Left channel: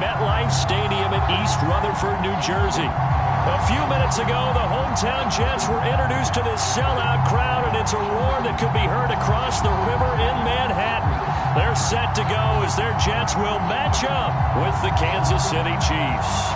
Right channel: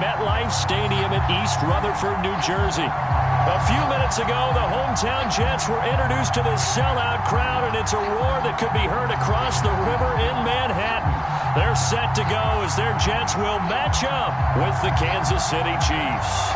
MetLife Stadium in East Rutherford, New Jersey. A few minutes ago, the hometown Jets were introduced to this sellout crowd, and it's a roar that could be heard across the river in Manhattan. They're set to go as their Jets will match up with the Kansas City Chiefs.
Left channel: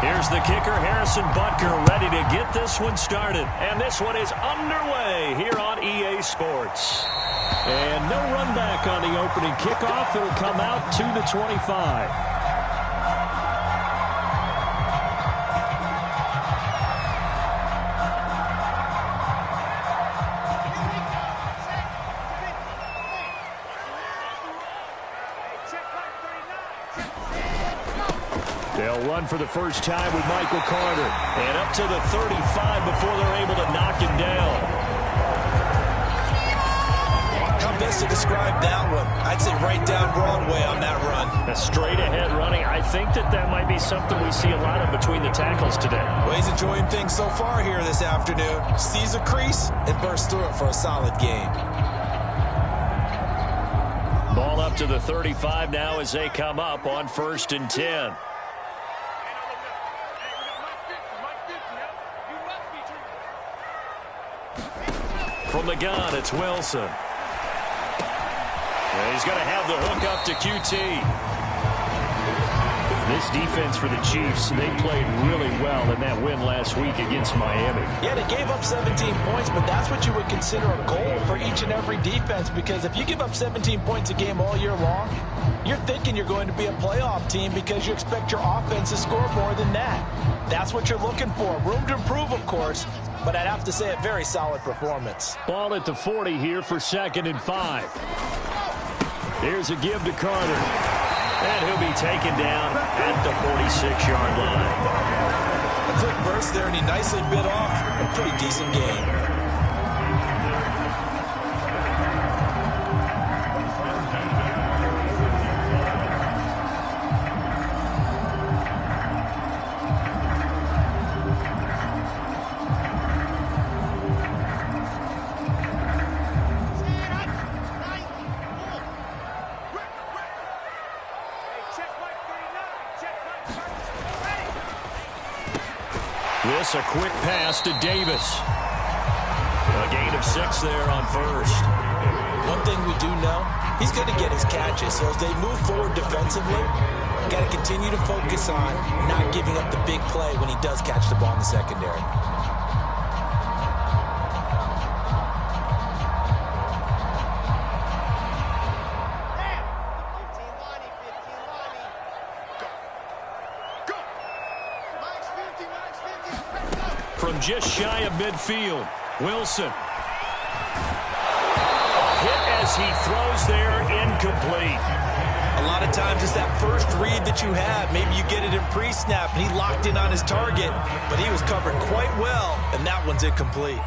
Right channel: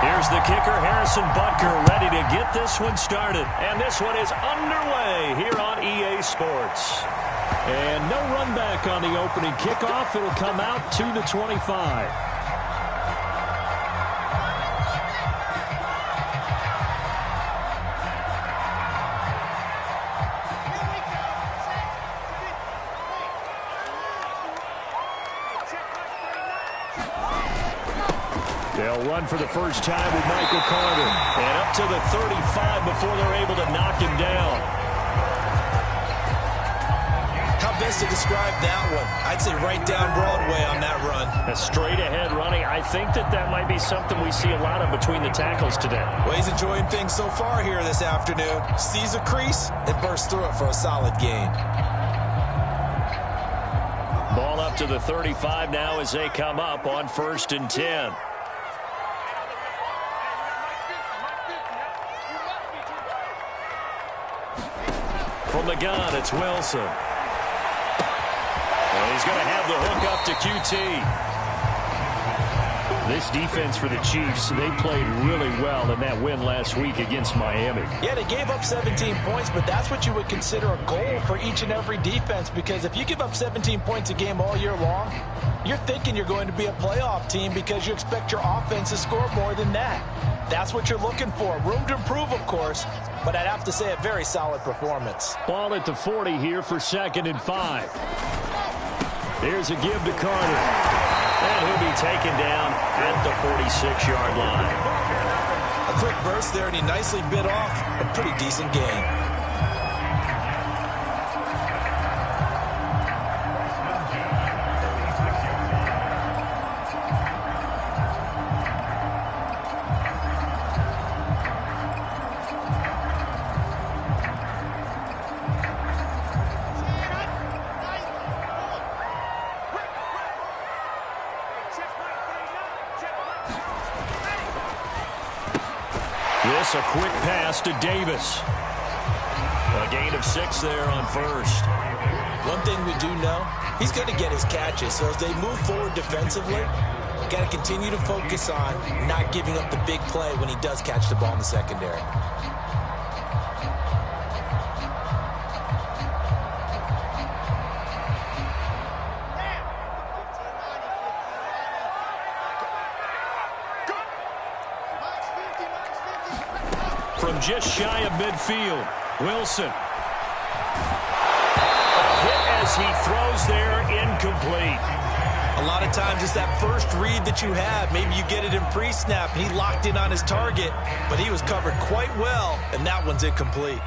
Here's the kicker, Harrison Butker, ready to get this one started. And this one is underway here on EA Sports. And no run back on the opening kickoff. It'll come out to the 25. They'll run for the first time with Michael Carter. And up to the 35 before they're able to knock him down. How best to describe that one? I'd say right down Broadway on that run. A straight ahead running. I think that might be something we see a lot of between the tackles today. Well, he's enjoying things so far here this afternoon. Sees a crease and bursts through it for a solid gain. Ball up to the 35 now as they come up on 1st and 10. From the gun, it's Wilson. And he's going to have the hook up to QT. This defense for the Chiefs, they played really well in that win last week against Miami. Yeah, they gave up 17 points, but that's what you would consider a goal for each and every defense, because if you give up 17 points a game all year long, you're thinking you're going to be a playoff team because you expect your offense to score more than that. That's what you're looking for. Room to improve, of course, but I'd have to say a very solid performance. Ball at the 40 here for 2nd and 5. Here's a give to Carter. And he'll be taken down at the 46-yard line. A quick burst there, and he nicely bit off a pretty decent gain. This a quick pass to Davis. A gain of 6 there on 1st. One thing we do know, he's going to get his catches. So as they move forward defensively, got to continue to focus on not giving up the big play when he does catch the ball in the secondary. From just shy of midfield, Wilson. A hit as he throws there, incomplete. A lot of times it's that first read that you have. Maybe you get it in pre-snap, and he locked in on his target, but he was covered quite well, and that one's incomplete.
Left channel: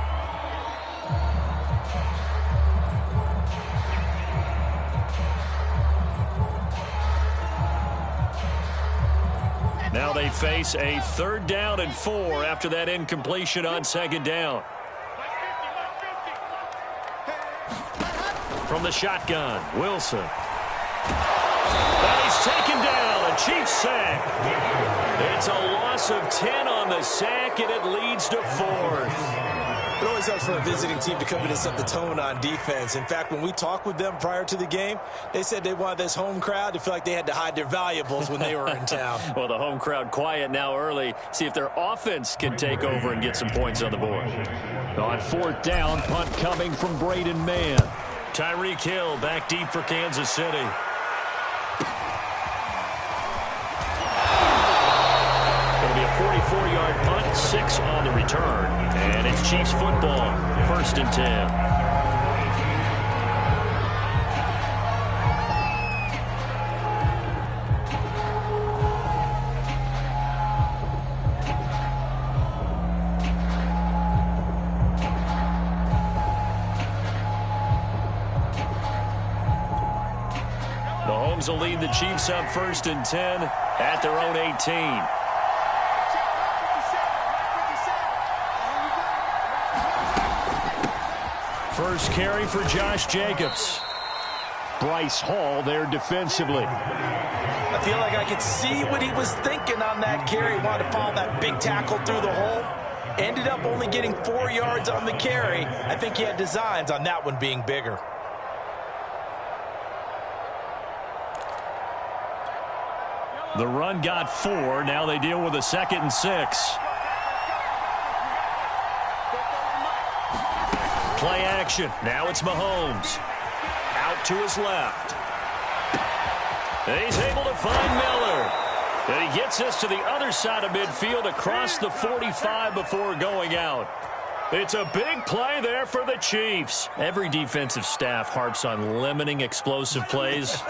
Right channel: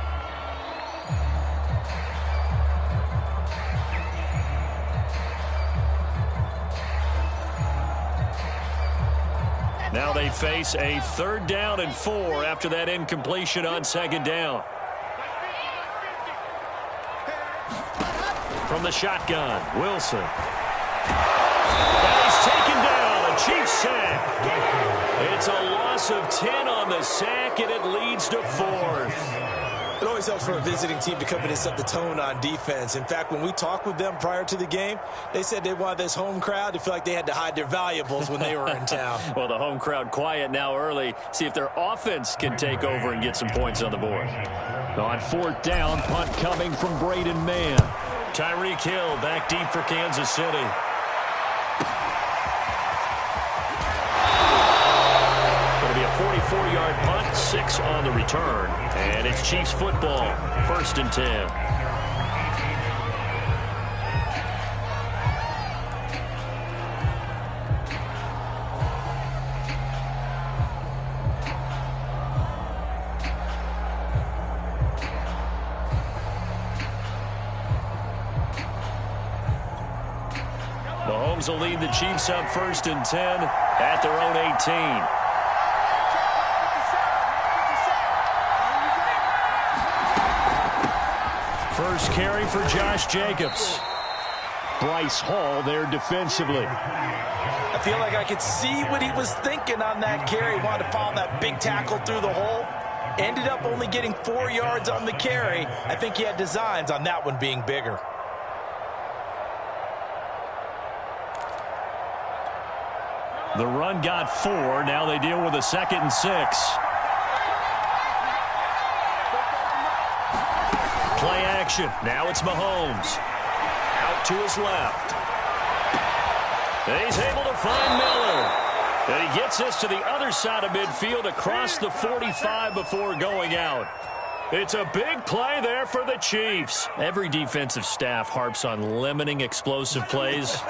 Now they face a 3rd down and 4 after that incompletion on 2nd down. From the shotgun, Wilson. And he's taken down, a Chiefs sack. It's a loss of 10 on the sack, and it leads to 4th. It always helps for a visiting team to come in and set the tone on defense. In fact, when we talked with them prior to the game, they said they wanted this home crowd to feel like they had to hide their valuables when they were in town. Well, the home crowd quiet now early. See if their offense can take over and get some points on the board. On 4th down, punt coming from Braden Mann. Tyreek Hill back deep for Kansas City. It'll be a 44-yard punt, 6 on the return. And it's Chiefs football, 1st and 10. Mahomes will lead the Chiefs up 1st and 10 at their own 18. First carry for Josh Jacobs. Bryce Hall there defensively. I feel like I could see what he was thinking on that carry. Wanted to follow that big tackle through the hole. Ended up only getting 4 yards on the carry. I think he had designs on that one being bigger. The run got 4. Now they deal with a 2nd and 6. Play action. Now it's Mahomes. Out to his left. He's able to find Miller. And he gets us to the other side of midfield across the 45 before going out. It's a big play there for the Chiefs. Every defensive staff harps on limiting explosive plays.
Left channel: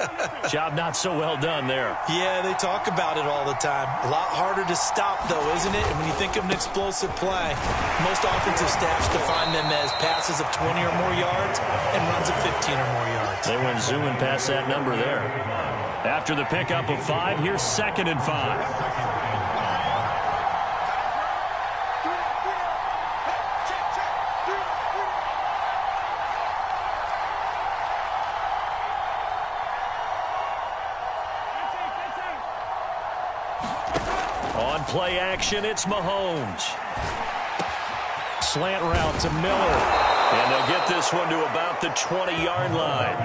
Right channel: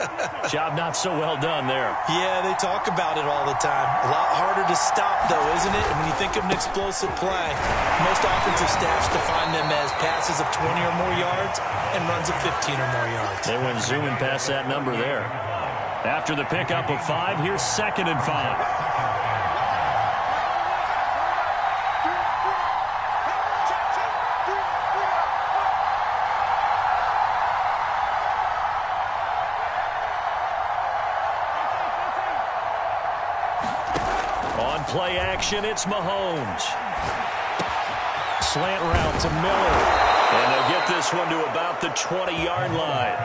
Job not so well done there. Yeah, they talk about it all the time. A lot harder to stop, though, isn't it? And when you think of an explosive play, most offensive staffs define them as passes of 20 or more yards and runs of 15 or more yards. They went zooming past that number there. After the pickup of 5, here's 2nd and 5. On play action, it's Mahomes. Slant route to Miller. And they'll get this one to about the 20-yard line.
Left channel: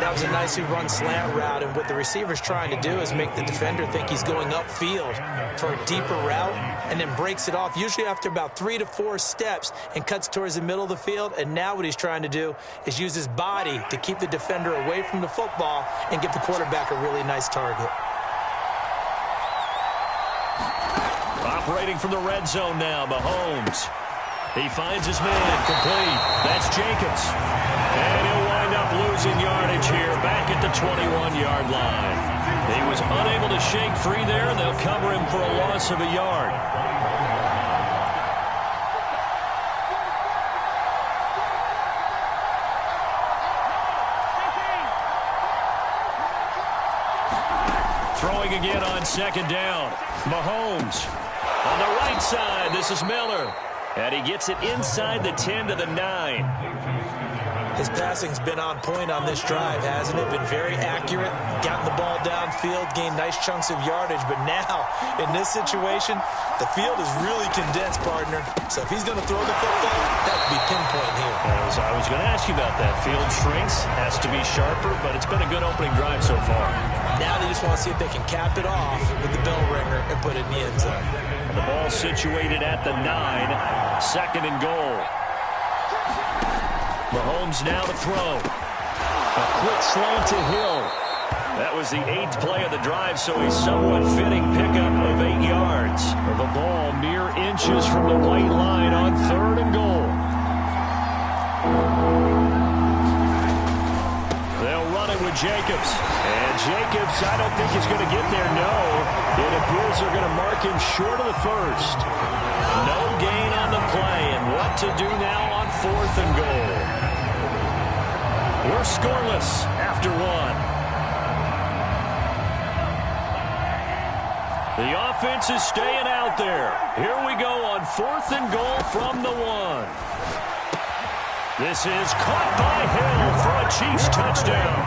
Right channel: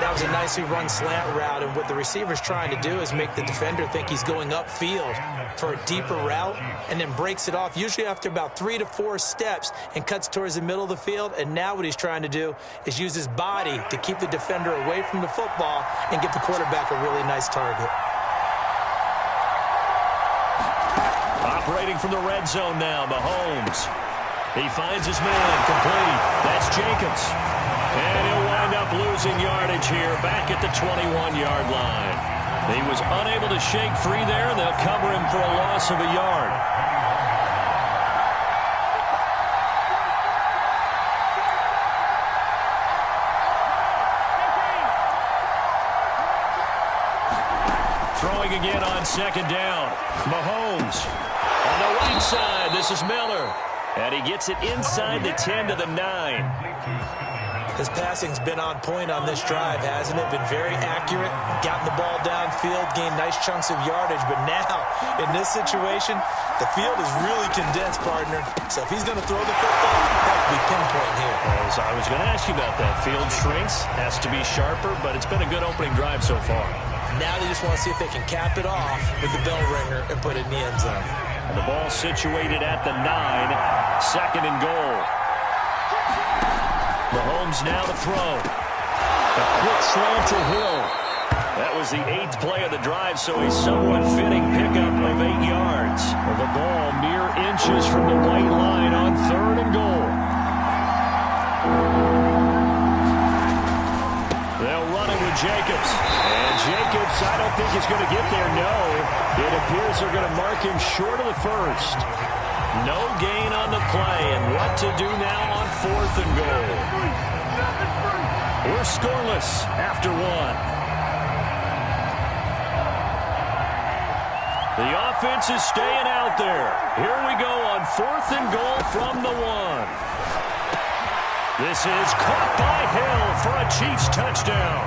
That was a nicely run slant route, and what the receiver's trying to do is make the defender think he's going upfield for a deeper route and then breaks it off, usually after about 3 to 4 steps, and cuts towards the middle of the field. And now what he's trying to do is use his body to keep the defender away from the football and give the quarterback a really nice target. Operating from the red zone now, Mahomes. He finds his man, complete. That's Jacobs. And he'll wind up losing yardage here back at the 21-yard line. He was unable to shake free there, and they'll cover him for a loss of a yard. Throwing again on 2nd down. Mahomes on the right side. This is Miller. And he gets it inside the 10 to the 9. His passing's been on point on this drive, hasn't it? Been very accurate, gotten the ball downfield, gained nice chunks of yardage. But now, in this situation, the field is really condensed, partner. So if he's going to throw the football, that would be pinpoint here. I was going to ask you about that. Field shrinks, has to be sharper, but it's been a good opening drive so far. Now they just want to see if they can cap it off with the bell ringer and put it in the end zone. And the ball situated at the 9, 2nd and goal. Mahomes now to throw. A quick slant to Hill. That was the 8th play of the drive, so a somewhat fitting pickup of 8 yards. The ball mere inches from the white line on 3rd and goal. They'll run it with Jacobs. And Jacobs, I don't think he's going to get there, no. It appears they're going to mark him short of the 1st. No gain on the play, and what to do now on 4th and goal. We're scoreless after 1. The offense is staying out there. Here we go on 4th and goal from the 1. This is caught by Hill for a Chiefs touchdown.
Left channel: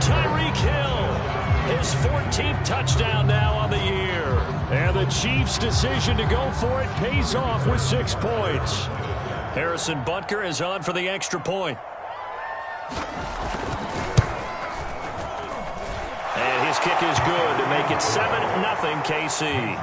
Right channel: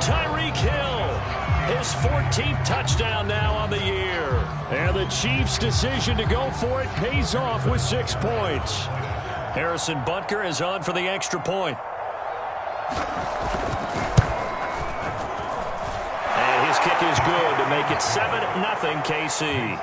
Tyreek Hill, his 14th touchdown now on the year. And the Chiefs' decision to go for it pays off with 6 points. Harrison Butker is on for the extra point. And his kick is good to make it 7-0 KC.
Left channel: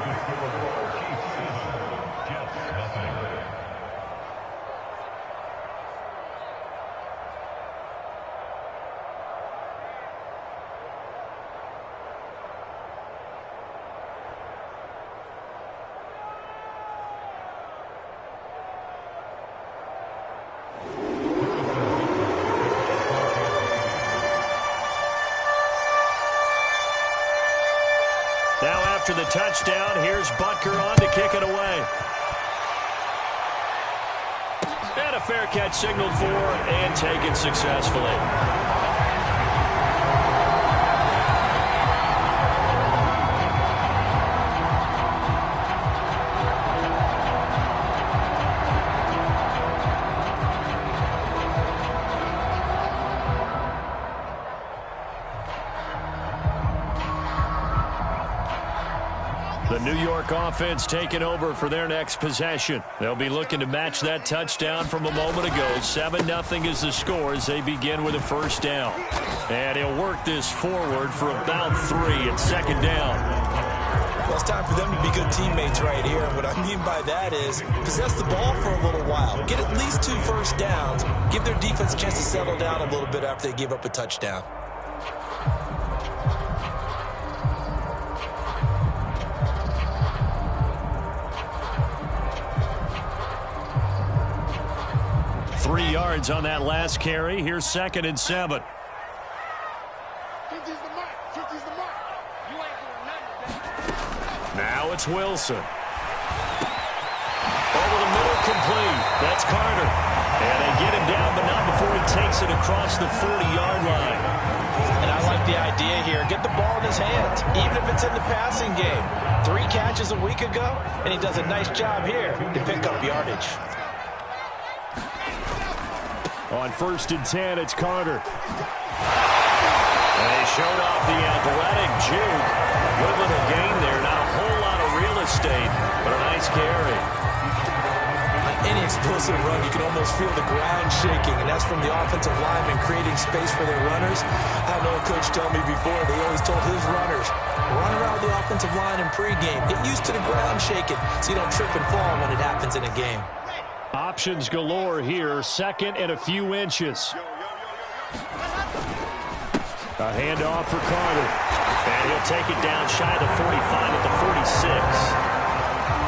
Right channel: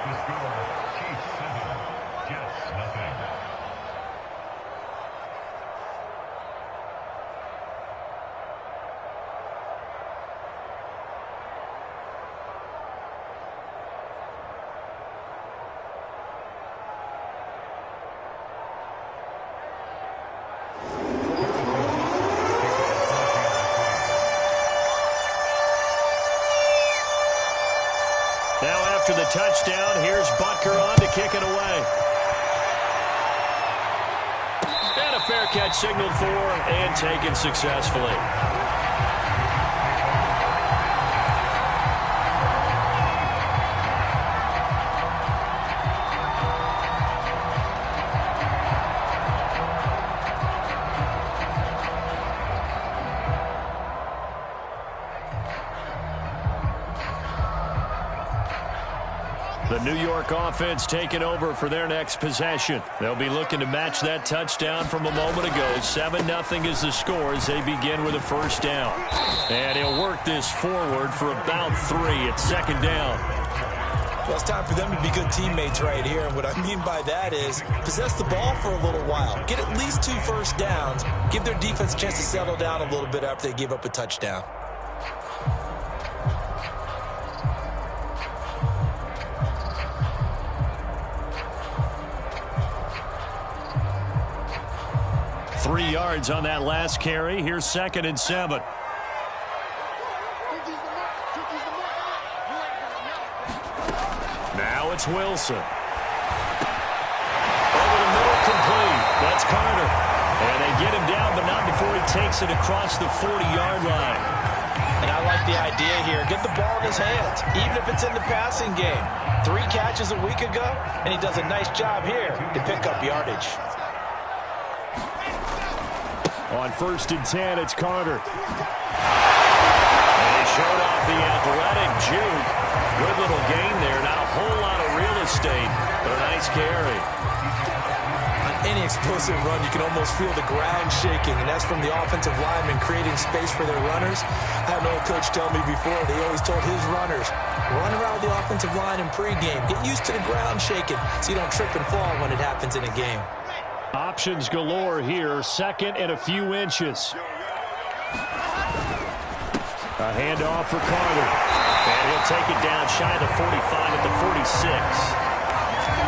Now after the touchdown, here's Butker on to kick it away. And a fair catch signaled for and taken successfully. The New York offense taking over for their next possession. They'll be looking to match that touchdown from a moment ago. 7-0 is the score as they begin with a first down. And he'll work this forward for about 3 at second down. Well, it's time for them to be good teammates right here. And what I mean by that is possess the ball for a little while. Get at least 2 first downs. Give their defense a chance to settle down a little bit after they give up a touchdown. Three yards on that last carry. Here's 2nd and 7. Now it's Wilson. Over the middle, complete. That's Carter. And they get him down, but not before he takes it across the 40-yard line. And I like the idea here. Get the ball in his hands, even if it's in the passing game. 3 catches a week ago, and he does a nice job here to pick up yardage. On 1st and 10, it's Carter. And he showed off the athletic juke. Good little gain there. Not a whole lot of real estate, but a nice carry. On any explosive run, you can almost feel the ground shaking, and that's from the offensive linemen creating space for their runners. I had an old coach tell me before, they always told his runners, run around the offensive line in pregame. Get used to the ground shaking so you don't trip and fall when it happens in a game. Options galore here. 2nd and a few inches. A handoff for Carter. And he'll take it down shy of the 45 at the 46.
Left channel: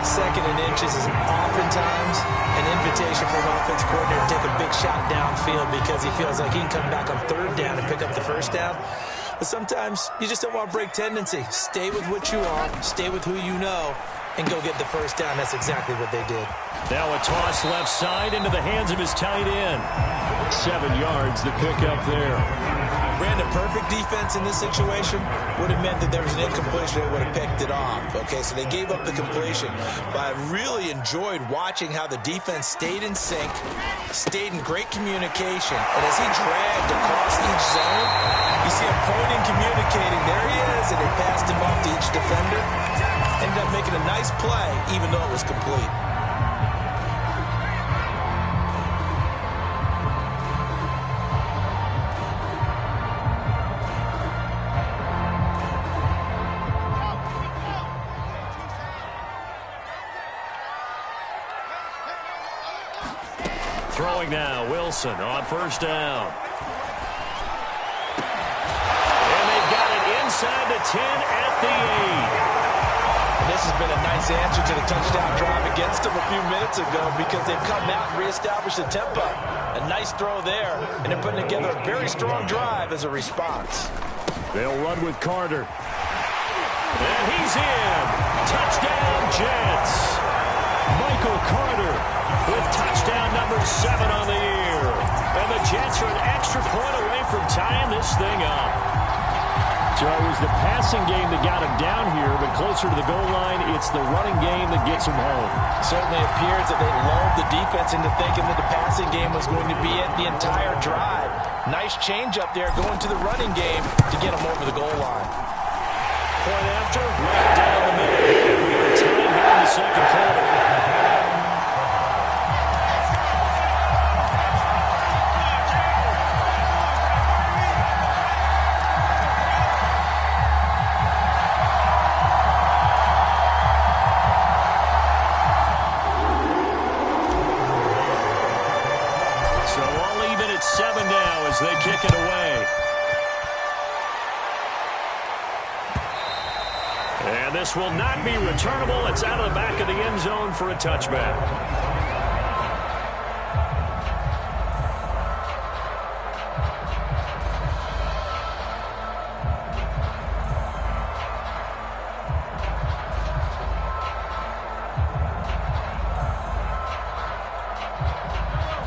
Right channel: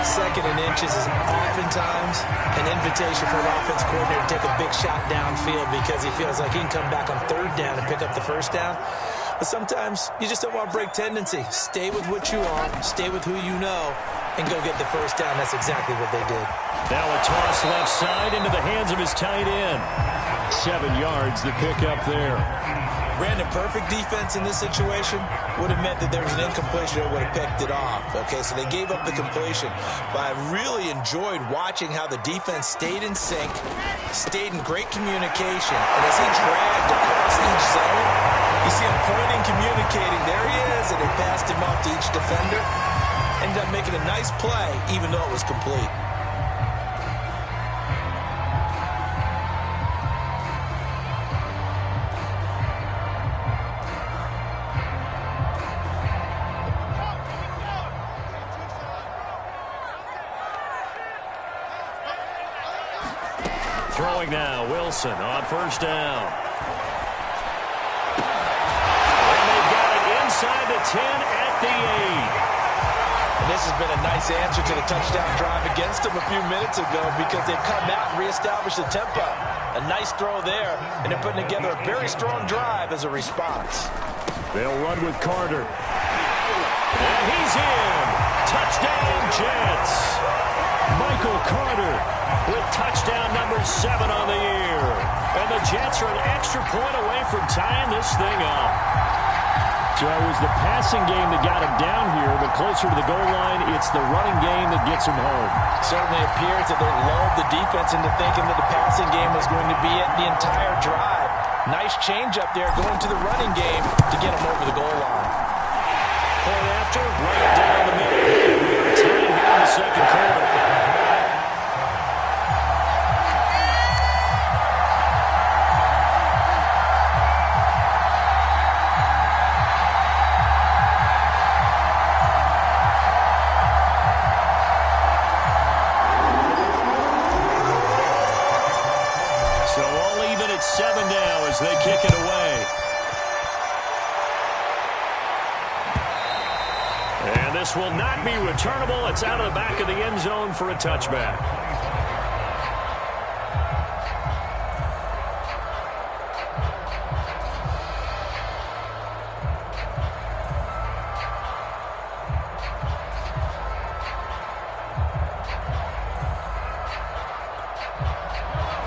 2nd and inches is oftentimes an invitation for an offense coordinator to take a big shot downfield because he feels like he can come back on 3rd down and pick up the 1st down. But sometimes you just don't want to break tendency. Stay with what you are, stay with who you know, and go get the 1st down. That's exactly what they did. Now a toss left side into the hands of his tight end. 7 yards, the pickup there. Brandon, perfect defense in this situation would have meant that there was an incompletion that would have picked it off. Okay, so they gave up the completion. But I really enjoyed watching how the defense stayed in sync, stayed in great communication. And as he dragged across each zone, you see him pointing, communicating. There he is, and they passed him off to each defender. Ended up making a nice play, even though it was complete. Throwing now, Wilson on 1st down. And they've got it inside the 10 at the 8. And this has been a nice answer to the touchdown drive against them a few minutes ago because they've come out and reestablished the tempo. A nice throw there, and they're putting together a very strong drive as a response. They'll run with Carter. And he's in. Touchdown, Jets. Michael Carter with touchdown number 7 on the year. And the Jets are an extra point away from tying this thing up. So it was the passing game that got him down here, but closer to the goal line, it's the running game that gets him home. Certainly appears that they lulled the defense into thinking that the passing game was going to be it the entire drive. Nice change up there going to the running game to get him over the goal line. Point after, right down the middle. And we are tied here in the 2nd quarter. So all even at 7 now as they kick it away. And this will not be returnable. It's out of the back of the end zone for a touchback.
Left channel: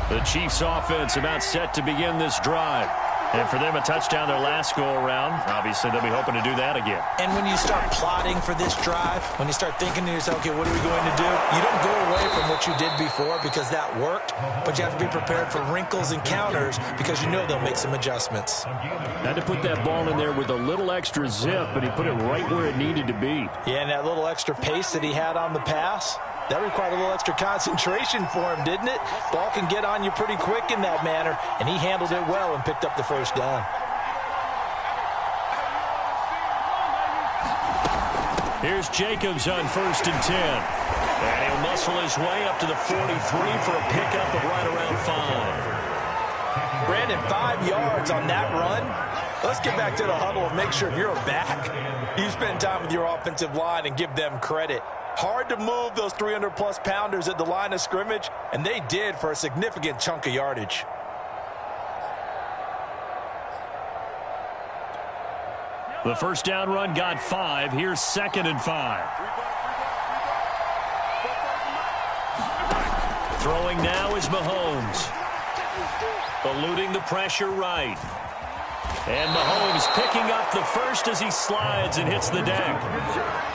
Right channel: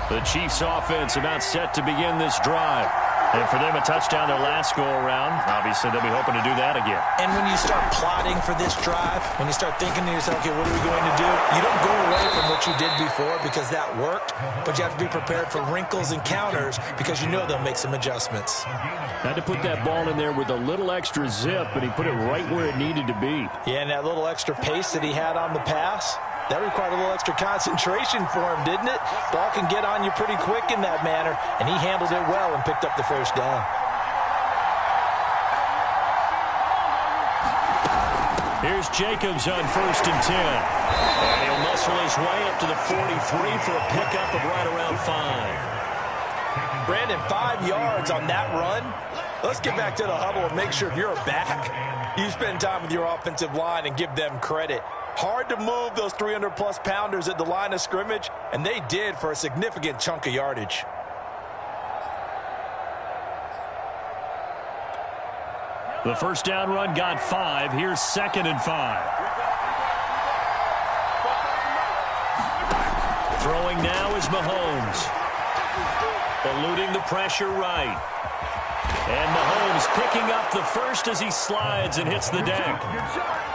The Chiefs offense about set to begin this drive. And for them, a touchdown their last go-around. Obviously, they'll be hoping to do that again. And when you start plotting for this drive, when you start thinking to yourself, okay, what are we going to do? You don't go away from what you did before because that worked, but you have to be prepared for wrinkles and counters because you know they'll make some adjustments. Had to put that ball in there with a little extra zip, and he put it right where it needed to be. Yeah, and that little extra pace that he had on the pass, that required a little extra concentration for him, didn't it? Ball can get on you pretty quick in that manner, and he handled it well and picked up the first down. Here's Jacobs on 1st and 10. And he'll muscle his way up to the 43 for a pickup of right around 5. Brandon, 5 yards on that run. Let's get back to the huddle and make sure if you're a back, you spend time with your offensive line and give them credit. Hard to move those 300-plus pounders at the line of scrimmage, and they did for a significant chunk of yardage. The first down run got 5. Here's 2nd and 5. Throwing now is Mahomes. Eluding the pressure right. And Mahomes picking up the first as he slides and hits the deck.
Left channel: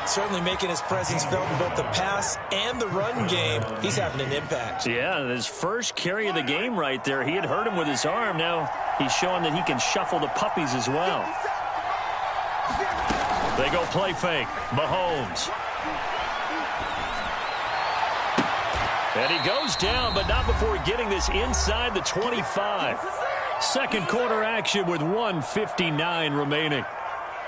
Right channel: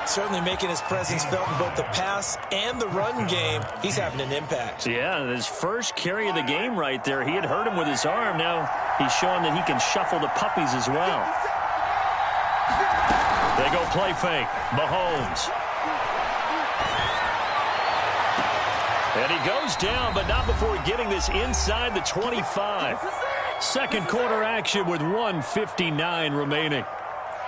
Certainly making his presence felt in both the pass and the run game. He's having an impact. Yeah, his first carry of the game right there. He had hurt him with his arm. Now he's showing that he can shuffle the puppies as well. They go play fake. Mahomes. And he goes down, but not before getting this inside the 25. Second quarter action with 1:59 remaining.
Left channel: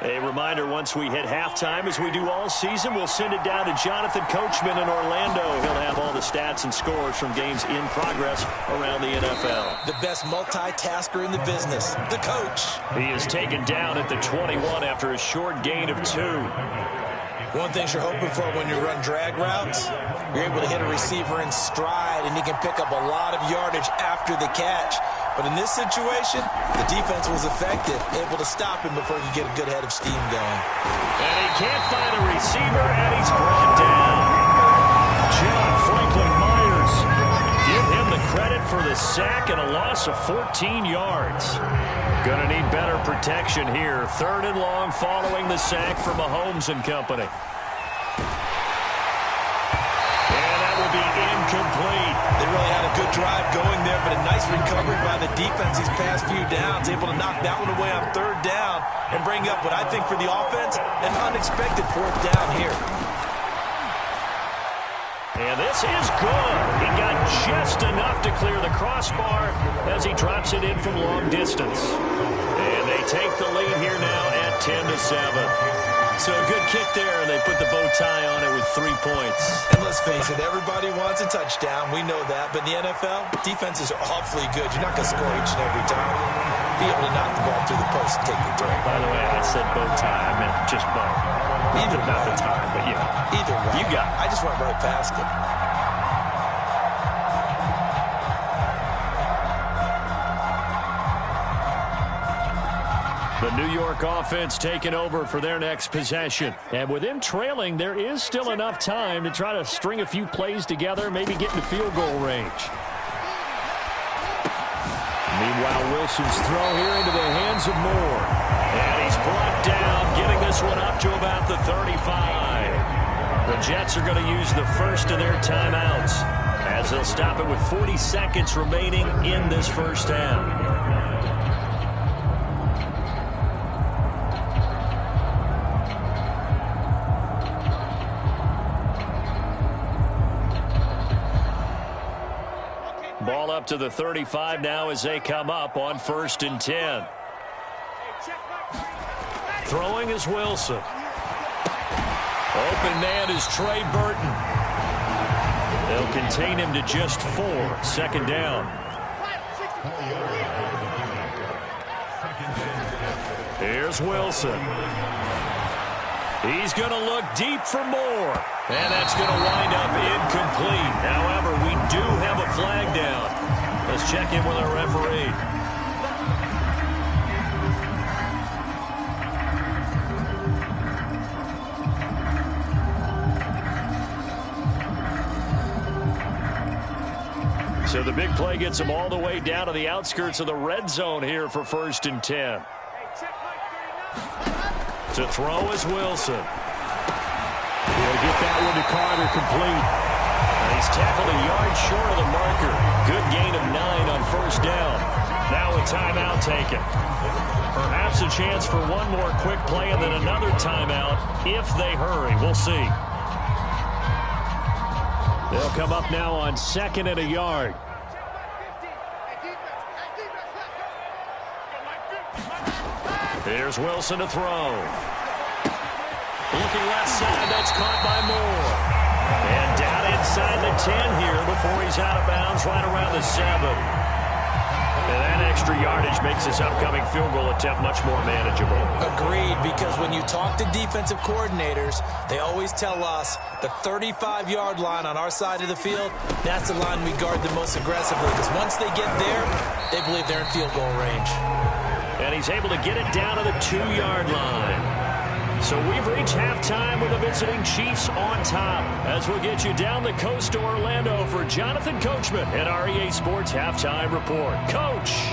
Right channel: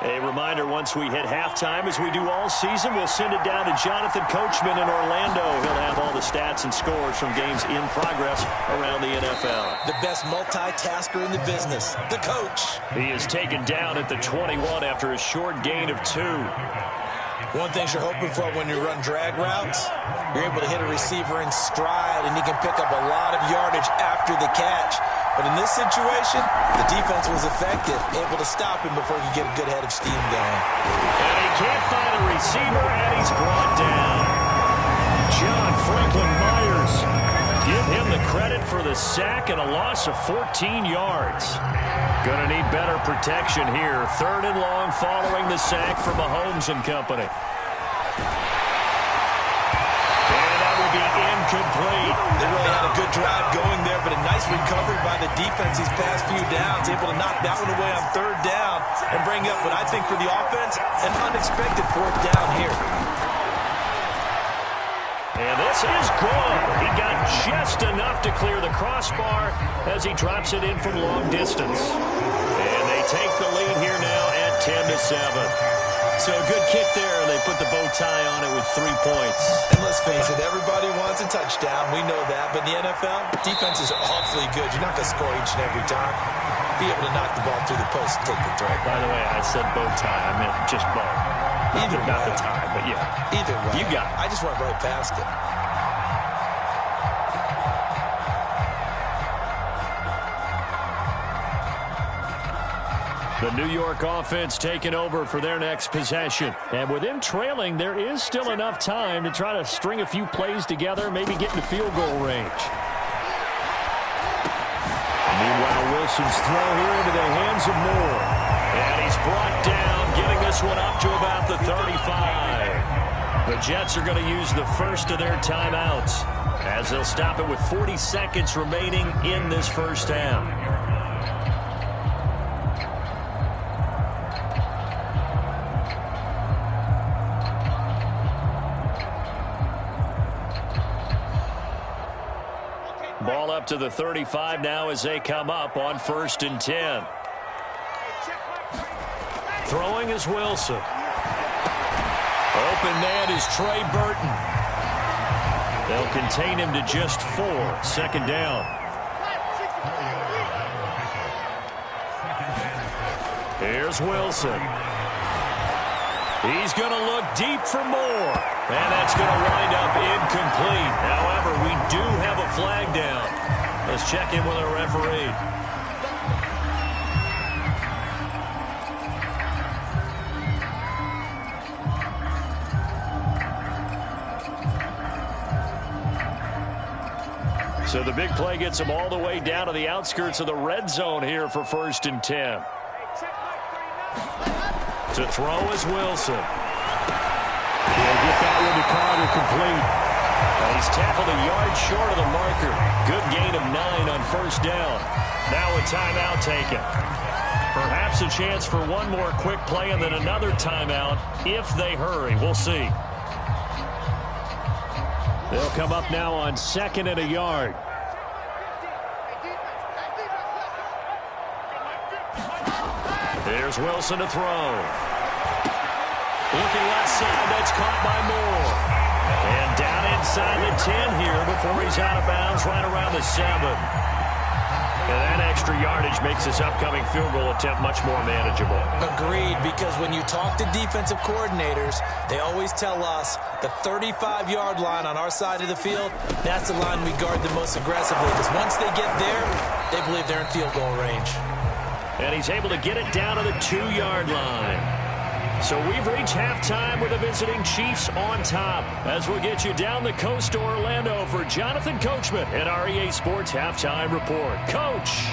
A reminder, once we hit halftime, as we do all season, we'll send it down to Jonathan Coachman in Orlando. He'll have all the stats and scores from games in progress around the NFL. The best multitasker in the business, the coach. He is taken down at the 21 after a short gain of 2. One thing you're hoping for when you run drag routes, you're able to hit a receiver in stride, and he can pick up a lot of yardage after the catch. But in this situation, the defense was effective, able to stop him before he could get a good head of steam going. And he can't find a receiver, and he's brought down. John Franklin Myers. Give him the credit for the sack and a loss of 14 yards. Gonna need better protection here. 3rd and long following the sack for Mahomes and company. And that will be incomplete. They really had a good drive going there, but a nice recovery by the defense these past few downs, able to knock that one away on 3rd down and bring up what I think for the offense, an unexpected 4th down here. And this is good. He got just enough to clear the crossbar as he drops it in from long distance. And they take the lead here now at 10-7. So a good kick there, and they put the bow tie on it with 3 points. And let's face it, everybody wants a touchdown. We know that. But in the NFL, defenses are awfully good. You're not going to score each and every time. Be able to knock the ball through the post and take the throw. By the way, I said bow tie. I meant just bow. Either way. Not the tie, but yeah. Either way. You got it. I just went right past it. The New York offense taking over for their next possession. And with them trailing, there is still enough time to try to string a few plays together, maybe get into field goal range. Meanwhile, Wilson's throw here into the hands of Moore. And he's brought down, getting this one up to about the 35. The Jets are going to use the first of their timeouts as they'll stop it with 40 seconds remaining in this first half. Ball up to the 35 now as they come up on 1st and 10. Throwing is Wilson. Open man is Trey Burton. They'll contain him to just 4. 2nd down. Here's Wilson. He's going to look deep for more. And that's going to wind up incomplete. However, we do have a flag down. Let's check in with our referee. So the big play gets him all the way down to the outskirts of the red zone here for 1st and 10. To throw is Wilson. He'll get that one to Carter, complete. He's tackled a yard short of the marker. Good gain of 9 on 1st down. Now a timeout taken. Perhaps a chance for one more quick play and then another timeout if they hurry. We'll see. They'll come up now on 2nd and a yard. Here's Wilson to throw. Looking left side, that's caught by Moore. And down inside the 10 here before he's out of bounds right around the 7. And that extra yardage makes this upcoming field goal attempt much more manageable. Agreed, because when you talk to defensive coordinators, they always tell us the 35-yard line on our side of the field, that's the line we guard the most aggressively, because once they get there, they believe they're in field goal range. And he's able to get it down to the 2-yard line. So we've reached halftime with the visiting Chiefs on top. As we'll get you down the coast to Orlando for Jonathan Coachman at our EA Sports Halftime Report. Coach.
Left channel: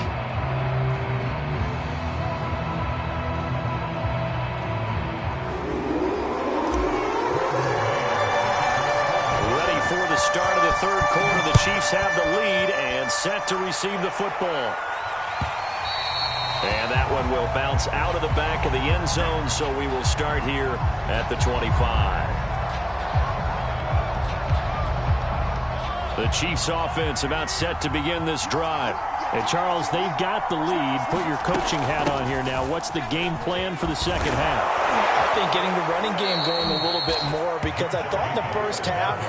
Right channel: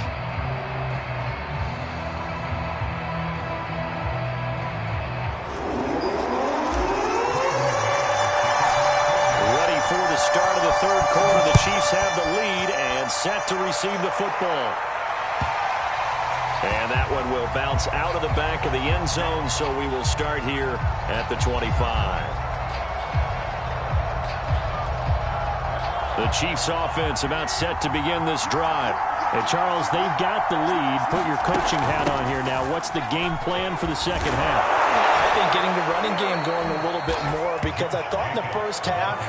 Ready for the start of the 3rd quarter. The Chiefs have the lead and set to receive the football. And that one will bounce out of the back of the end zone, so we will start here at the 25. The Chiefs offense about set to begin this drive. And Charles, they've got the lead. Put your coaching hat on here now. What's the game plan for the second half? I think getting the running game going a little bit more, because I thought in the first half,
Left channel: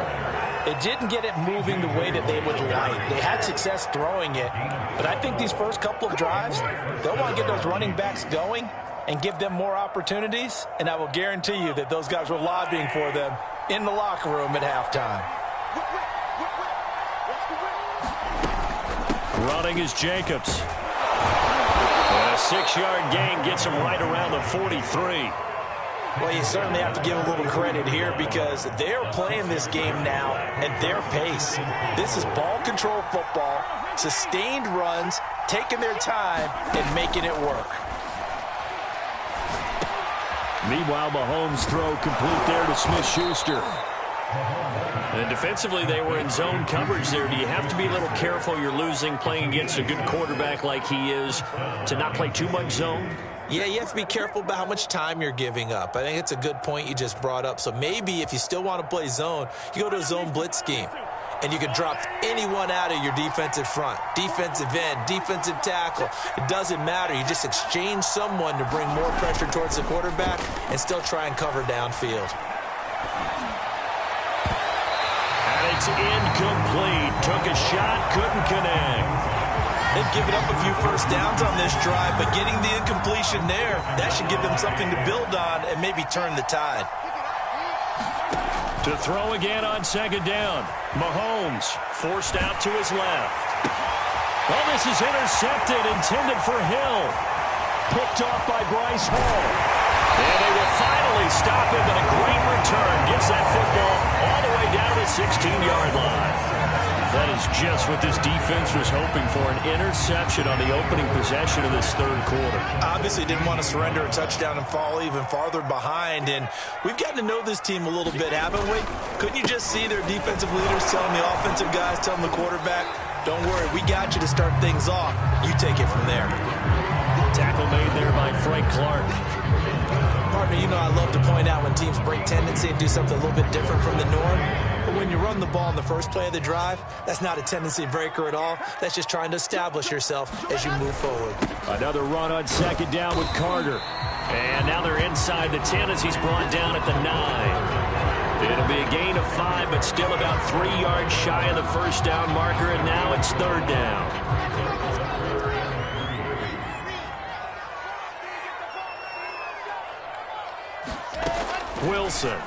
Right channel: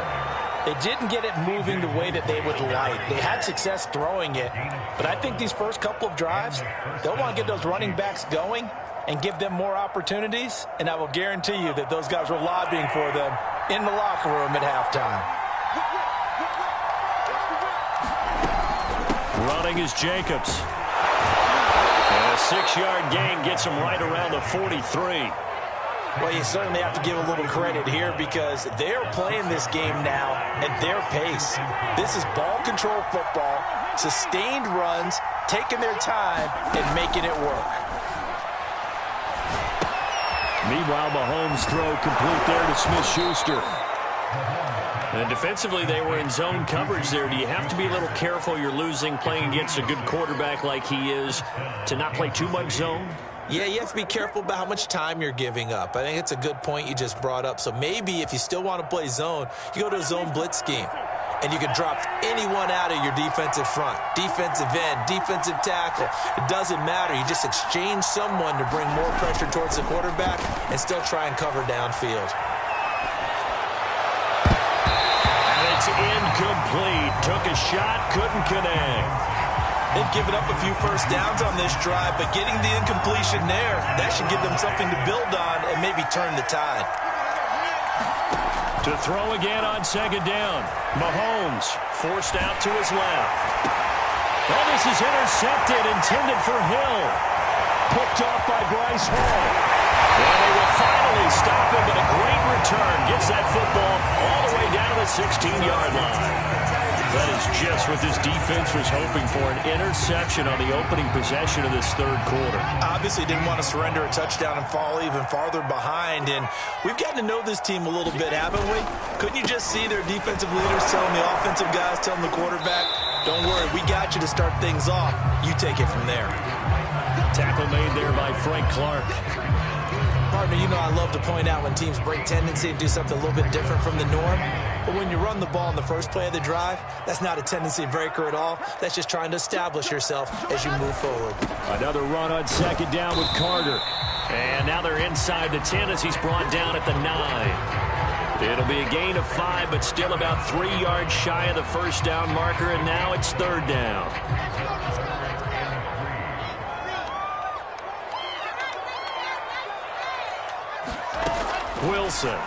they didn't get it moving the way that they would like. They had success throwing it, but I think these first couple of drives, they'll want to get those running backs going and give them more opportunities, and I will guarantee you that those guys were lobbying for them in the locker room at halftime. Running is Jacobs. And a 6-yard gain gets him right around the 43. Well, you certainly have to give a little credit here, because they're playing this game now at their pace. This is ball control football, sustained runs, taking their time, and making it work. Meanwhile, Mahomes' throw complete there to Smith-Schuster. And defensively, they were in zone coverage there. Do you have to be a little careful? You're losing playing against a good quarterback like he is to not play too much zone? Yeah, you have to be careful about how much time you're giving up. I think it's a good point you just brought up. So maybe if you still want to play zone, you go to a zone blitz scheme. And you can drop anyone out of your defensive front. Defensive end, defensive tackle. It doesn't matter. You just exchange someone to bring more pressure towards the quarterback and still try and cover downfield. And it's incomplete. Took a shot, couldn't connect. They've given up a few first downs on this drive, but getting the incompletion there, that should give them something to build on and maybe turn the tide. To throw again on 2nd down. Mahomes forced out to his left. Oh, this is intercepted, intended for Hill. Picked off by Bryce Hall. And they will finally stop him, but a great return. Gets that football all the way down to the 16-yard line. That is just what this defense was hoping for, an interception on the opening possession of this 3rd quarter. Obviously didn't want to surrender a touchdown and fall even farther behind, and we've gotten to know this team a little bit, haven't we? Couldn't you just see their defensive leaders telling the offensive guys, telling the quarterback, don't worry, we got you to start things off. You take it from there. Tackle made there by Frank Clark. Partner, you know I love to point out when teams break tendency to do something a little bit different from the norm. But when you run the ball in the first play of the drive, that's not a tendency breaker at all. That's just trying to establish yourself as you move forward. Another run on 2nd down with Carter. And now they're inside the 10 as he's brought down at the 9. It'll be a gain of 5, but still about 3 yards shy of the first down marker, and now it's 3rd down. Wilson.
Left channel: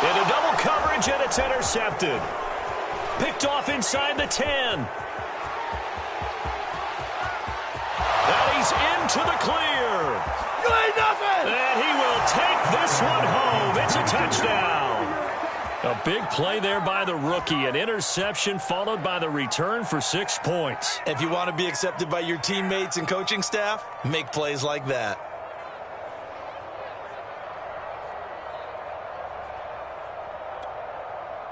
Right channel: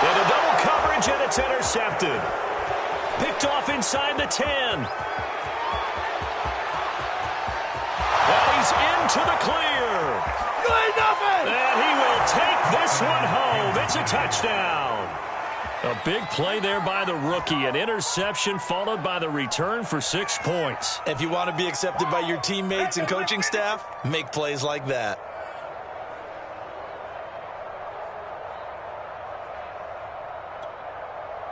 Into double coverage, and it's intercepted. Picked off inside the 10. And he's into the clear. You ain't nothing! And he will take this one home. It's a touchdown. A big play there by the rookie. An interception followed by the return for 6 points. If you want to be accepted by your teammates and coaching staff, make plays like that.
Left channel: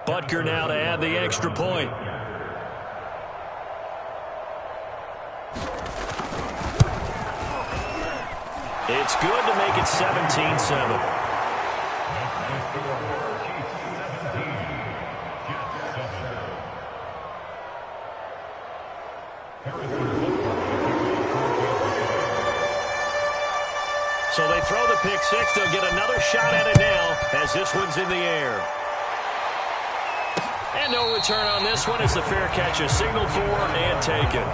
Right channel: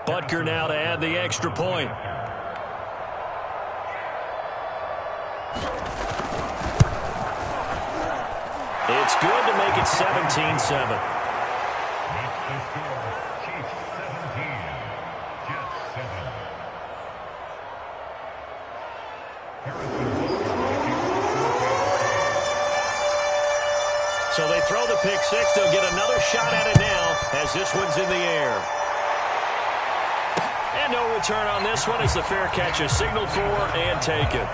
Butker now to add the extra point. It's good to make it 17-7. So they throw the pick six. They'll get another shot at it now as this one's in the air. And no return on this one as the fair catch is signaled for and taken.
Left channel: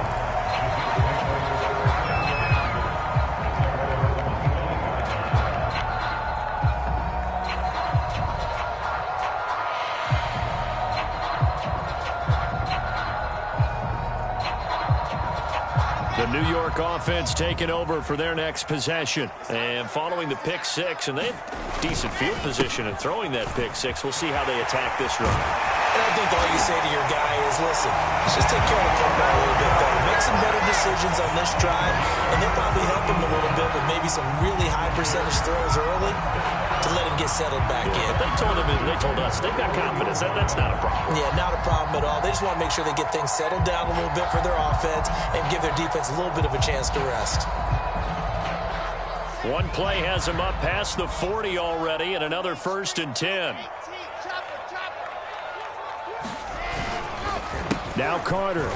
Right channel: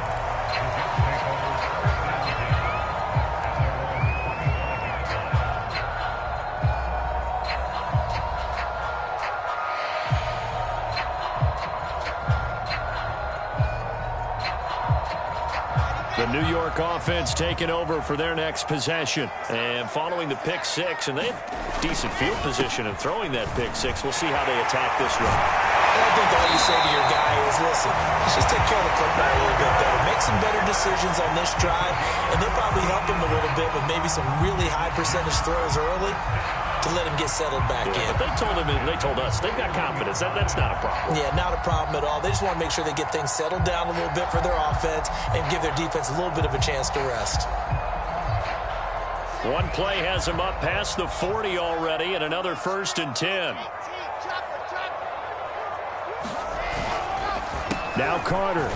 The New York offense taking over for their next possession. And following the pick six, and they have decent field position in throwing that pick six. We'll see how they attack this drive. And I think all you say to your guy is, listen, let's just take care of the football a little bit better. Make some better decisions on this drive, and they'll probably help him a little bit with maybe some really high percentage throws early to let him get settled back in. But they told him, and they told us, they've got confidence. That's not a problem. Yeah, not a problem at all. They just want to make sure they get things settled down a little bit for their offense and give their defense a little bit of a chance to rest. One play has him up past the 40 already, and another 1st and 10. Now Carter.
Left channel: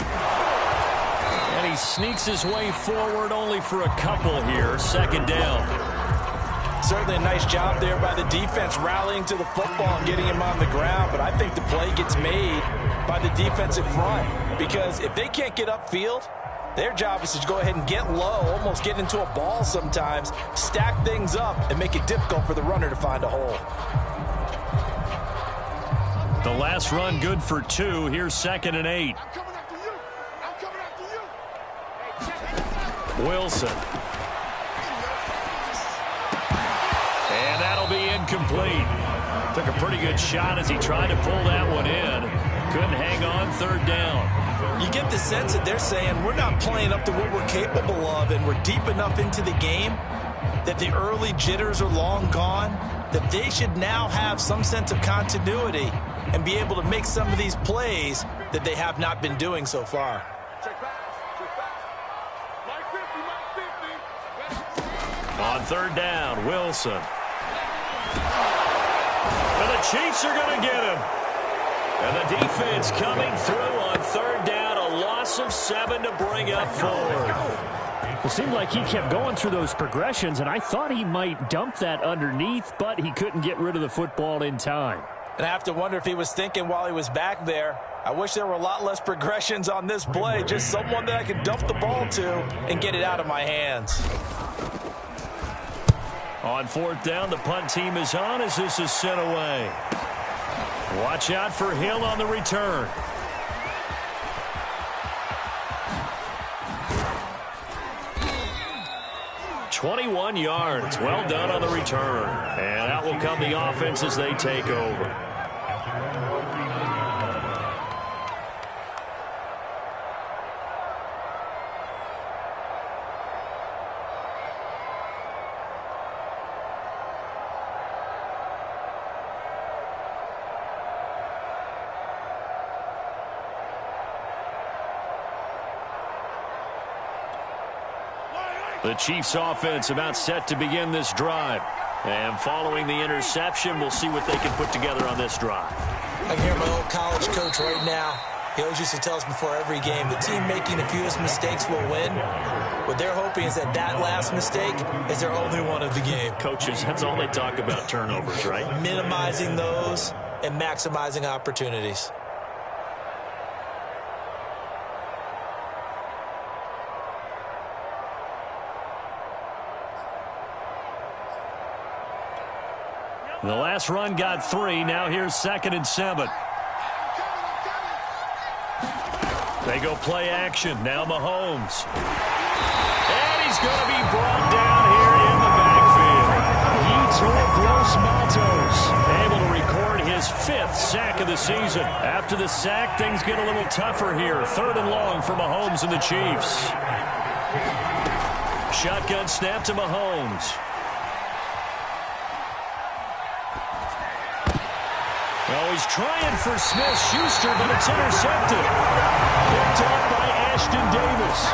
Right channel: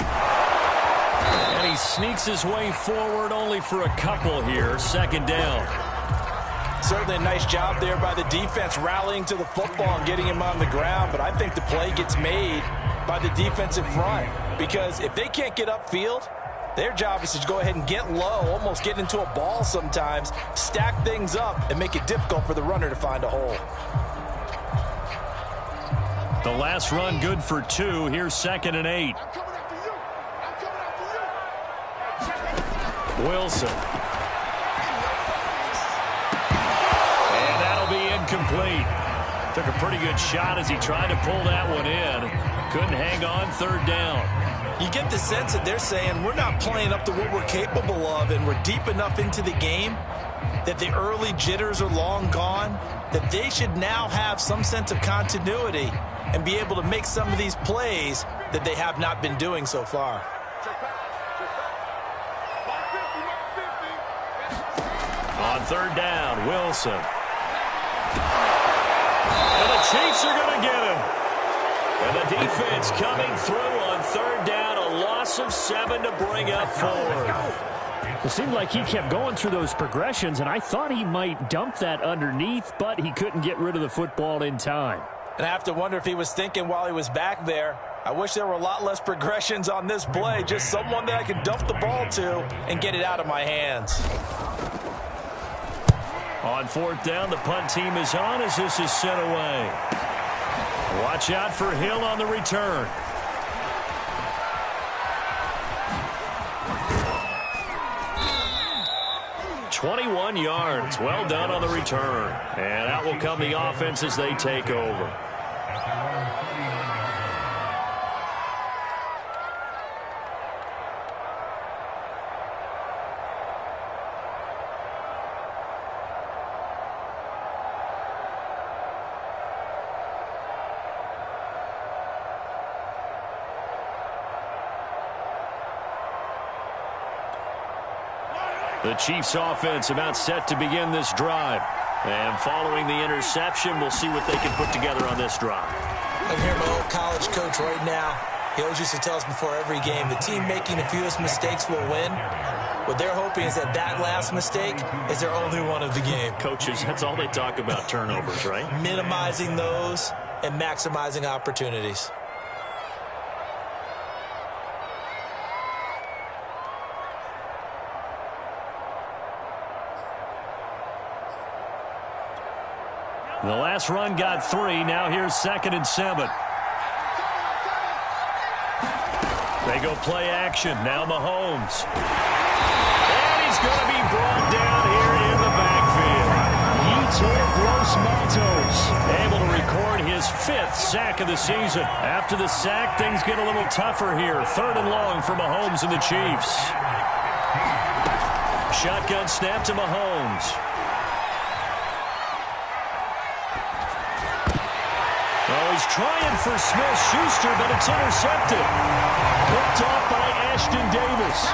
And he sneaks his way forward only for a couple here. 2nd down. Certainly a nice job there by the defense rallying to the football and getting him on the ground, but I think the play gets made by the defensive front because if they can't get upfield, their job is to go ahead and get low, almost get into a ball sometimes, stack things up, and make it difficult for the runner to find a hole. The last run good for 2. Here's 2nd and 8. I'm coming after you. Wilson. And that'll be incomplete. Took a pretty good shot as he tried to pull that one in. Couldn't hang on. 3rd down. You get the sense that they're saying we're not playing up to what we're capable of, and we're deep enough into the game that the early jitters are long gone, that they should now have some sense of continuity and be able to make some of these plays that they have not been doing so far. On 3rd down, Wilson. And the Chiefs are going to get him. And the defense coming through on 3rd down. A loss of 7 to bring up 4th. It seemed like he kept going through those progressions, and I thought he might dump that underneath, but he couldn't get rid of the football in time. And I have to wonder if he was thinking while he was back there, I wish there were a lot less progressions on this play, just someone that I could dump the ball to and get it out of my hands. On 4th down, the punt team is on as this is sent away. Watch out for Hill on the return. "21 yards. Well done on the return. And out will come the offense as they take over. The Chiefs offense about set to begin this drive. And following the interception, we'll see what they can put together on this drive. I can hear my old college coach right now. He always used to tell us before every game, the team making the fewest mistakes will win. What they're hoping is that that last mistake is their only one of the game. Coaches, that's all they talk about, turnovers, right? Minimizing those and maximizing opportunities. The last run got 3. Now here's 2nd and 7. They go play action. Now Mahomes. And he's going to be brought down here in the backfield. He tore Gross Dos Matos able to record his 5th sack of the season. After the sack, things get a little tougher here. 3rd and long for Mahomes and the Chiefs. Shotgun snap to Mahomes. Oh, he's trying for Smith-Schuster, but it's intercepted. Picked off by Ashton Davis.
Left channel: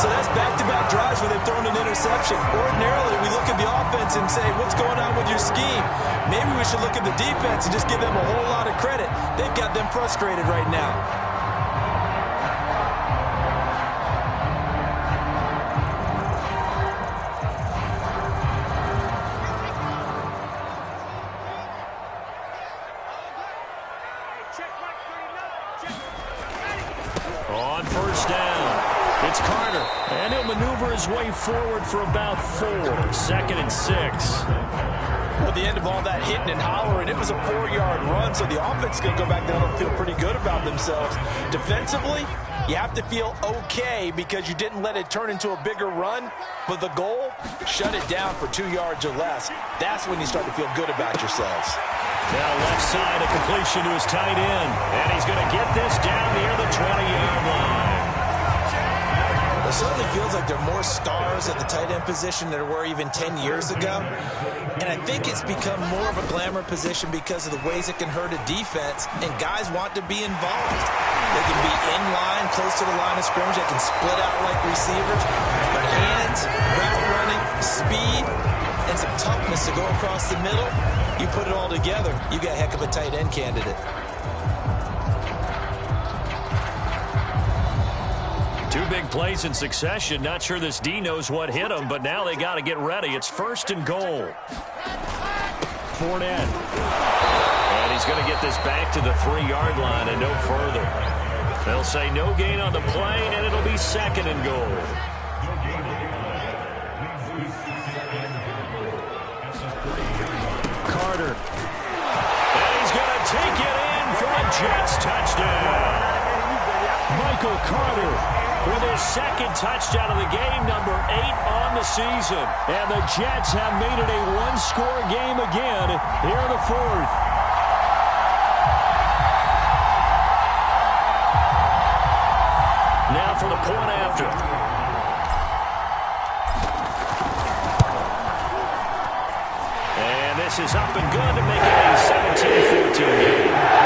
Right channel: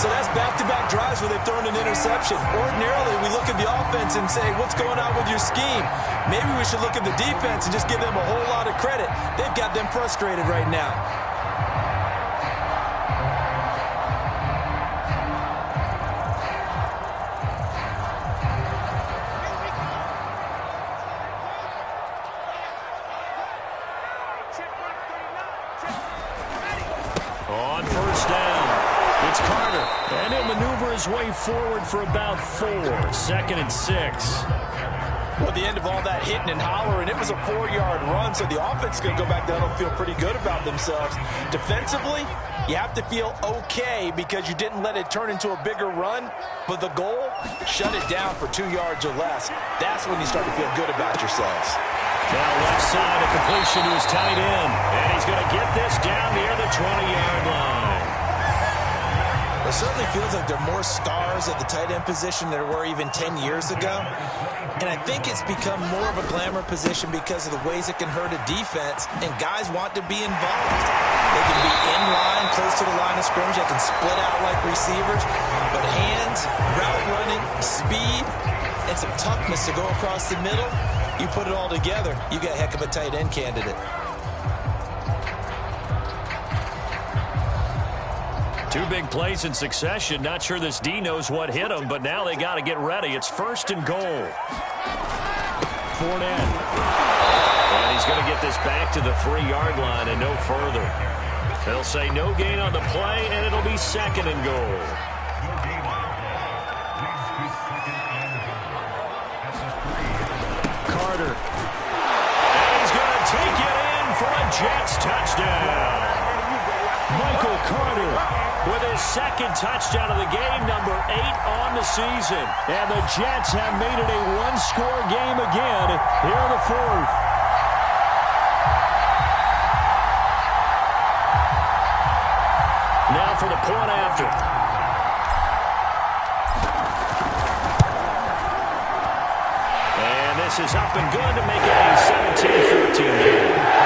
So that's back-to-back drives where they've thrown an interception. Ordinarily, we look at the offense and say, what's going on with your scheme? Maybe we should look at the defense and just give them a whole lot of credit. They've got them frustrated right now. On first down, it's Carter, and he'll maneuver his way forward for about 4. 2nd and 6. Well, at the end of all that hitting and hollering, it was a 4-yard run, so the offense is going to go back down and feel pretty good about themselves. Defensively, you have to feel okay because you didn't let it turn into a bigger run, but the goal, shut it down for 2 yards or less. That's when you start to feel good about yourselves. Now left side, a completion to his tight end. And he's going to get this down near the 20-yard line. It certainly feels like there are more stars at the tight end position than there were even 10 years ago. And I think it's become more of a glamour position because of the ways it can hurt a defense, and guys want to be involved. They can be in line, close to the line of scrimmage. They can split out like receivers. But hands, route running, speed, and some toughness to go across the middle, you put it all together, you got a heck of a tight end candidate. Two big plays in succession. Not sure this D knows what hit him, but now they got to get ready. It's 1st and goal. Fournette. And he's going to get this back to the 3-yard line and no further. They'll say no gain on the play, and it'll be 2nd and goal. Carter. And he's going to take it in for a Jets touchdown. Michael Carter with his 2nd touchdown of the game, number 8 on the season. And the Jets have made it a one-score game again here in the 4th. Now for the point after. And this is up and good to make it a 17-14 game.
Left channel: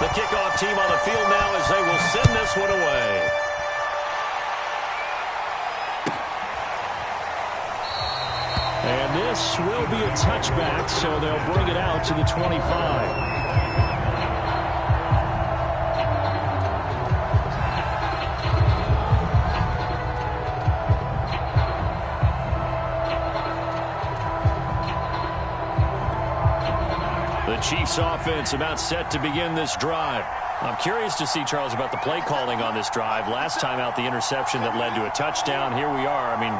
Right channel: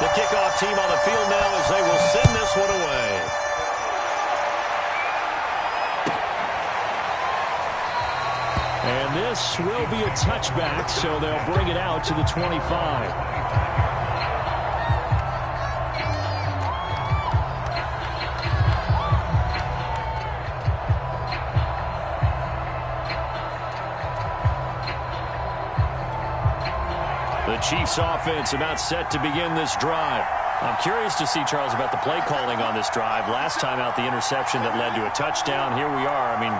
The kickoff team on the field now as they will send this one away. And this will be a touchback, so they'll bring it out to the 25. The Chiefs offense about set to begin this drive. I'm curious to see, Charles, about the play calling on this drive. Last time out, the interception that led to a touchdown. Here we are. I mean,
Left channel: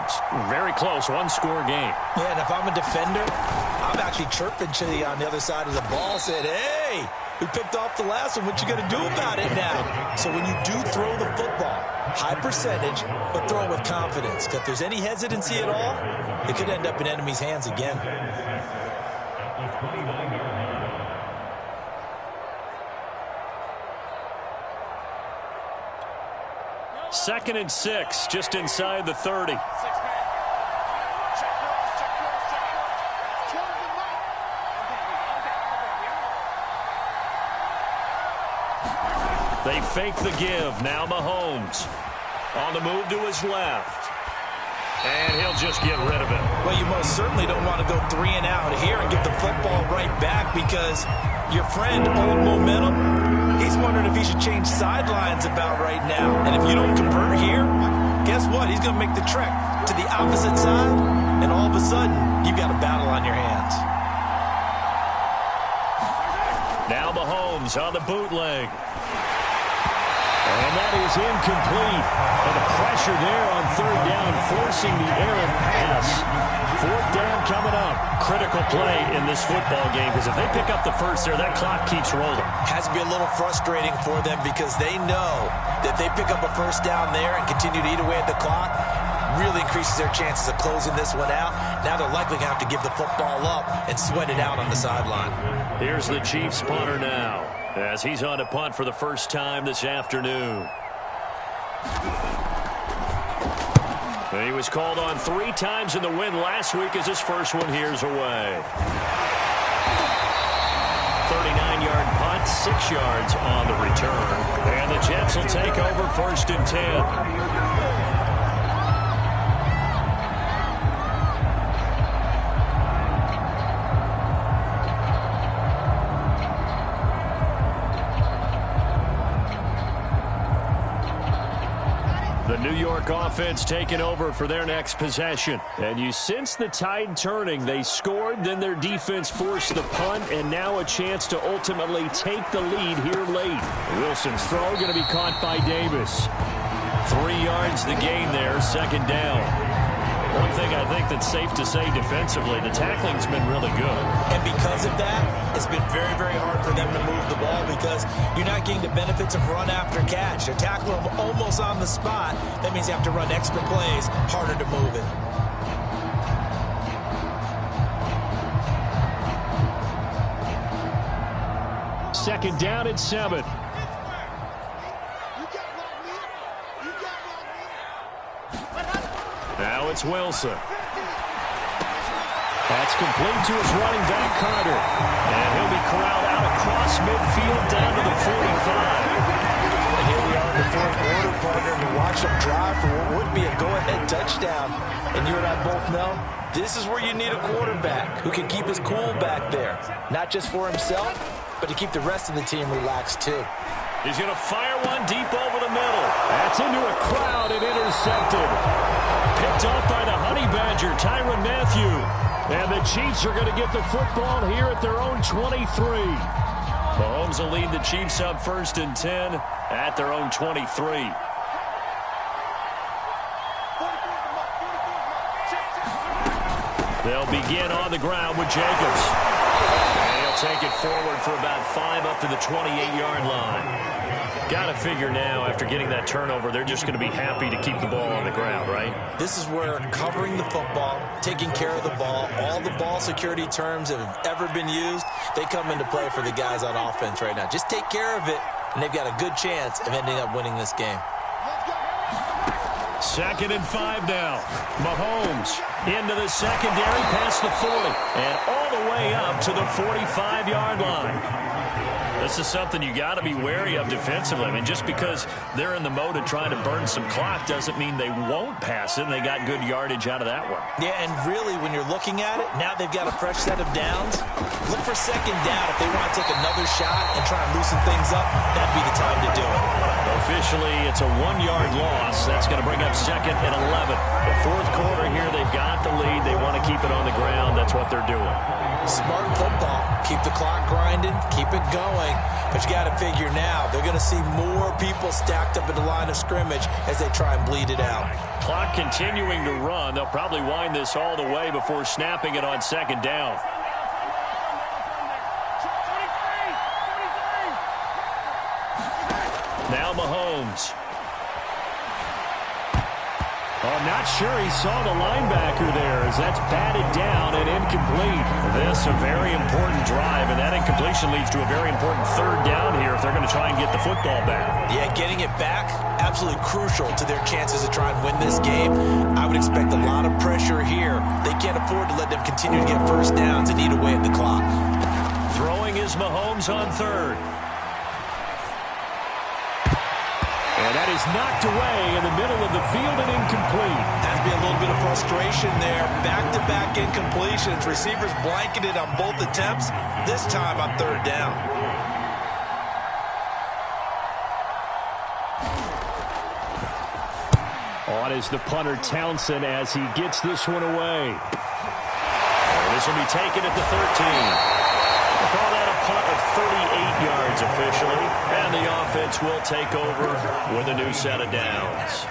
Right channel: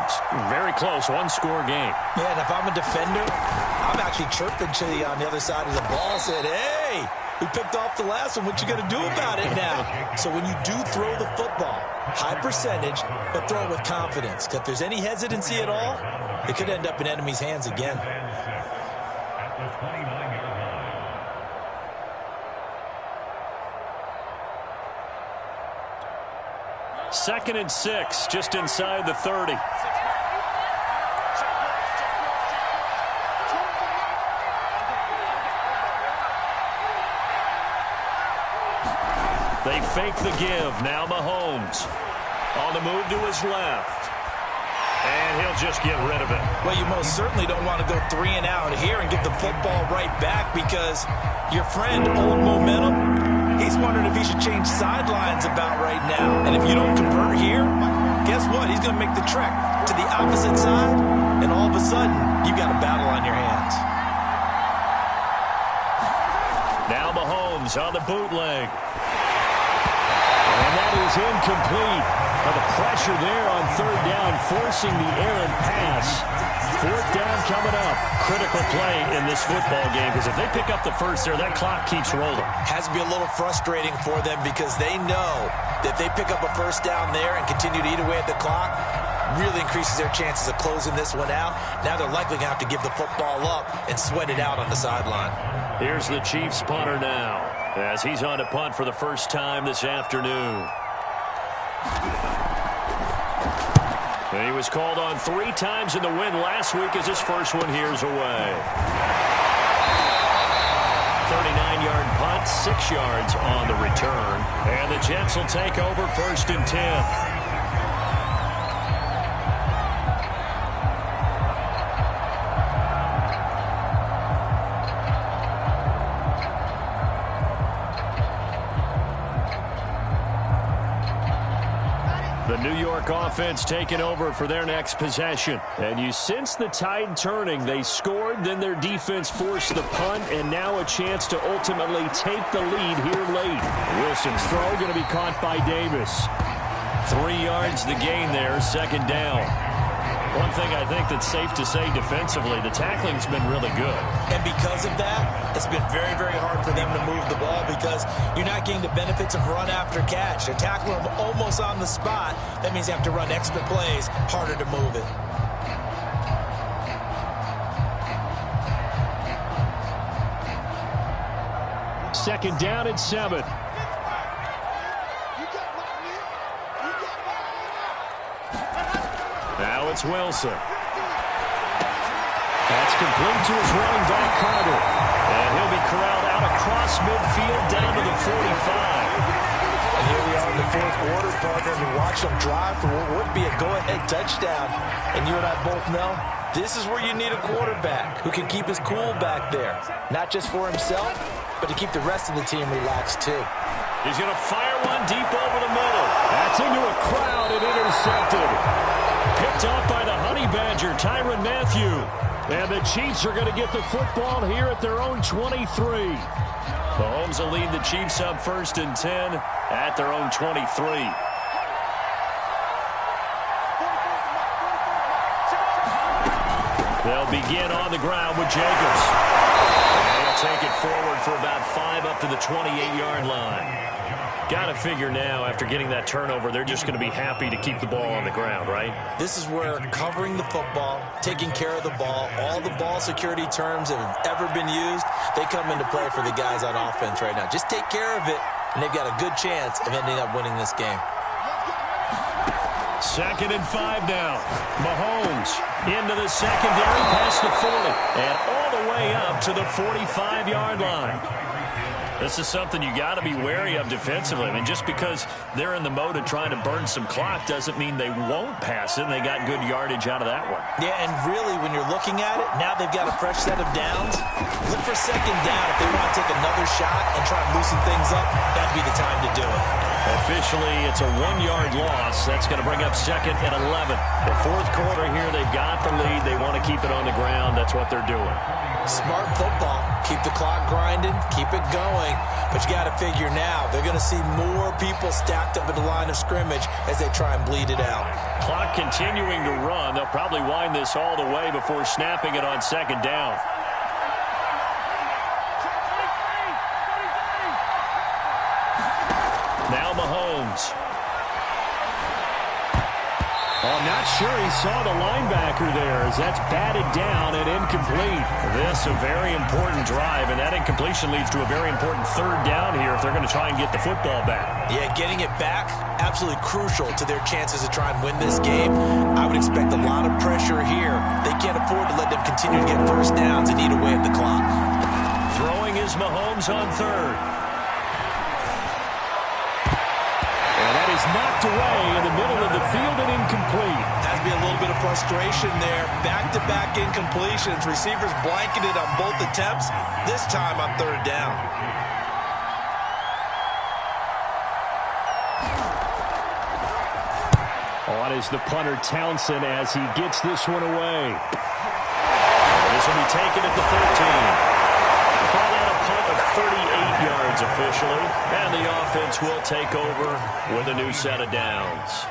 very close, one-score game. Yeah, and if I'm a defender, I'm actually chirping to you on the other side of the ball, said, hey, we picked off the last one. What you going to do about it now? So when you do throw the football, high percentage, but throw it with confidence. Because if there's any hesitancy at all, it could end up in enemy's hands again. 2nd and 6, just inside the 30. They fake the give. Now Mahomes on the move to his left. And he'll just get rid of it. Well, you most certainly don't want to go 3 and out here and get the football right back because your friend, Old Momentum, he's wondering if he should change sidelines about right now. And if you don't convert here, guess what? He's going to make the trek to the opposite side, and all of a sudden, you've got a battle on your hands. Now Mahomes on the bootleg. And that is incomplete. But the pressure there on third down, forcing the errant pass. Fourth down coming up. Critical play in this football game, because if they pick up the first there, that clock keeps rolling. Has to be a little frustrating for them because they know that if they pick up a first down there and continue to eat away at the clock, really increases their chances of closing this one out. Now they're likely going to have to give the football up and sweat it out on the sideline. Here's the Chiefs punter now, as he's on to punt for the first time this afternoon. He was called on 3 times in the win last week as his first one here's away. 39-yard punt, 6 yards on the return. And the Jets will take over 1st and 10. The New York offense taking over for their next possession. And you sense the tide turning. They scored, then their defense forced the punt, and now a chance to ultimately take the lead here late. Wilson's throw going to be caught by Davis. 3 yards the gain there, 2nd down. One thing I think that's safe to say defensively, the tackling's been really good. And because of that, it's been very, very hard for them to move the ball because you're not getting the benefits of run after catch. They're tackling them almost on the spot. That means they have to run extra plays, harder to move it. Second down and 7. Now it's Wilson. That's complete to his running back, Carter. And he'll be corralled out across midfield down to the 45. And here we are in the 4th quarter, partner, and we watch them drive for what would be a go-ahead touchdown. And you and I both know this is where you need a quarterback who can keep his cool back there. Not just for himself, but to keep the rest of the team relaxed too. He's going to fire one deep over the middle. That's into a crowd and intercepted. Picked off by the Honey Badger, Tyrann Mathieu. And the Chiefs are going to get the football here at their own 23. Mahomes will lead the Chiefs up 1st and 10 at their own 23. They'll begin on the ground with Jacobs. And he'll take it forward for about 5 up to the 28-yard line. Got to figure now, after getting that turnover, they're just going to be happy to keep the ball on the ground, right? This is where covering the football, taking care of the ball, all the ball security terms that have ever been used, they come into play for the guys on offense right now. Just take care of it, and they've got a good chance of ending up winning this game. 2nd and 5 now. Mahomes into the secondary past the 40 and all the way up to the 45-yard line. This is something you got to be wary of defensively. I mean, just because they're in the mode of trying to burn some clock doesn't mean they won't pass it, and they got good yardage out of that one. Yeah, and really, when you're looking at it, now they've got a fresh set of downs. Look for 2nd down. If they want to take another shot and try and loosen things up, that'd be the time to do it. Officially, it's a 1-yard loss. That's going to bring up 2nd and 11. The 4th quarter here, they've got the lead. They want to keep it on the ground. That's what they're doing. Smart football. Keep the clock grinding. Keep it going. But you got to figure now, they're going to see more people stacked up at the line of scrimmage as they try and bleed it out. Clock continuing to run. They'll probably wind this all the way before snapping it on 2nd down. Now Mahomes. I'm not sure he saw the linebacker there as that's batted down and incomplete. This a very important drive, and that incompletion leads to a very important 3rd down here if they're going to try and get the football back. Yeah, getting it back, absolutely crucial to their chances to try and win this game. I would expect a lot of pressure here. They can't afford to let them continue to get first downs and eat away at the clock. Throwing is Mahomes on 3rd. And that is knocked away in the middle of the field and incomplete. Has to be a little bit of frustration there. Back-to-back incompletions. Receivers blanketed on both attempts, this time on 3rd down. On is the punter Townsend as he gets this one away. And this will be taken at the 13. We'll call that a punt of 38 yards officially, and the offense will take over with a new set of downs.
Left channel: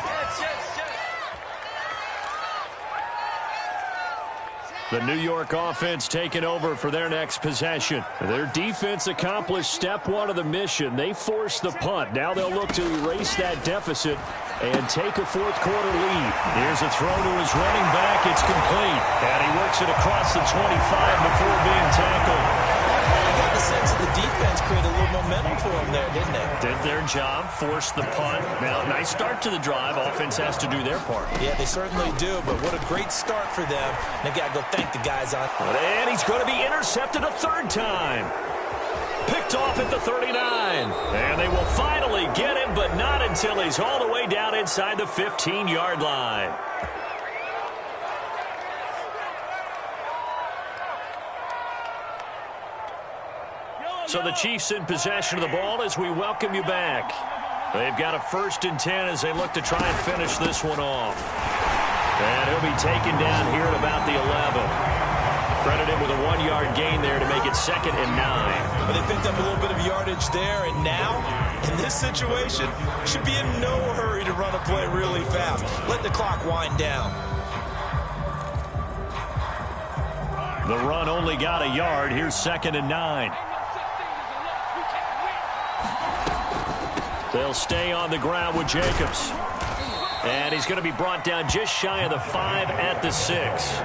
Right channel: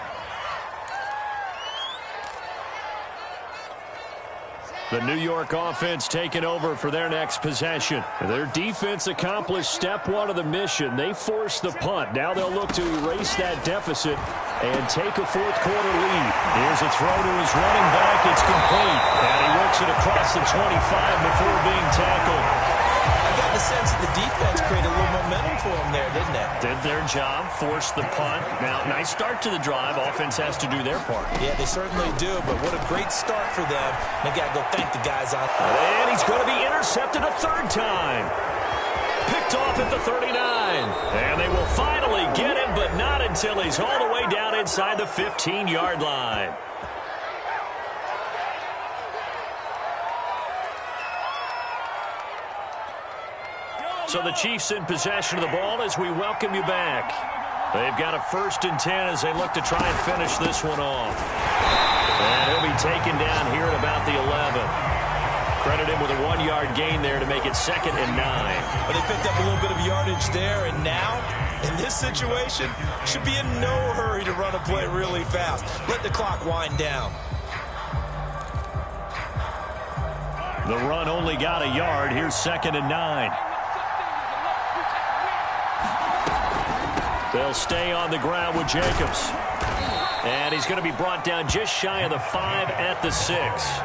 The New York offense taking over for their next possession. Their defense accomplished step one of the mission. They forced the punt. Now they'll look to erase that deficit and take a fourth-quarter lead. Here's a throw to his running back. It's complete. And he works it across the 25 before being tackled. I got the sense that the defense created a little momentum for them there, didn't they? Did their job, forced the punt. Now, nice start to the drive. Offense has to do their part. Yeah, they certainly do, but what a great start for them. They've got to go thank the guys on. And he's going to be intercepted a third time. Picked off at the 39. And they will finally get him, but not until he's all the way down inside the 15-yard line. So the Chiefs in possession of the ball as we welcome you back. They've got a 1st and 10 as they look to try and finish this one off. And he'll be taken down here at about the 11. Credit him with a 1-yard gain there to make it 2nd and 9. Well, they picked up a little bit of yardage there, and now, in this situation, should be in no hurry to run a play really fast. Let the clock wind down. The run only got a yard. Here's 2nd and 9. They'll stay on the ground with Jacobs. And he's going to be brought down just shy of the 5 at the 6.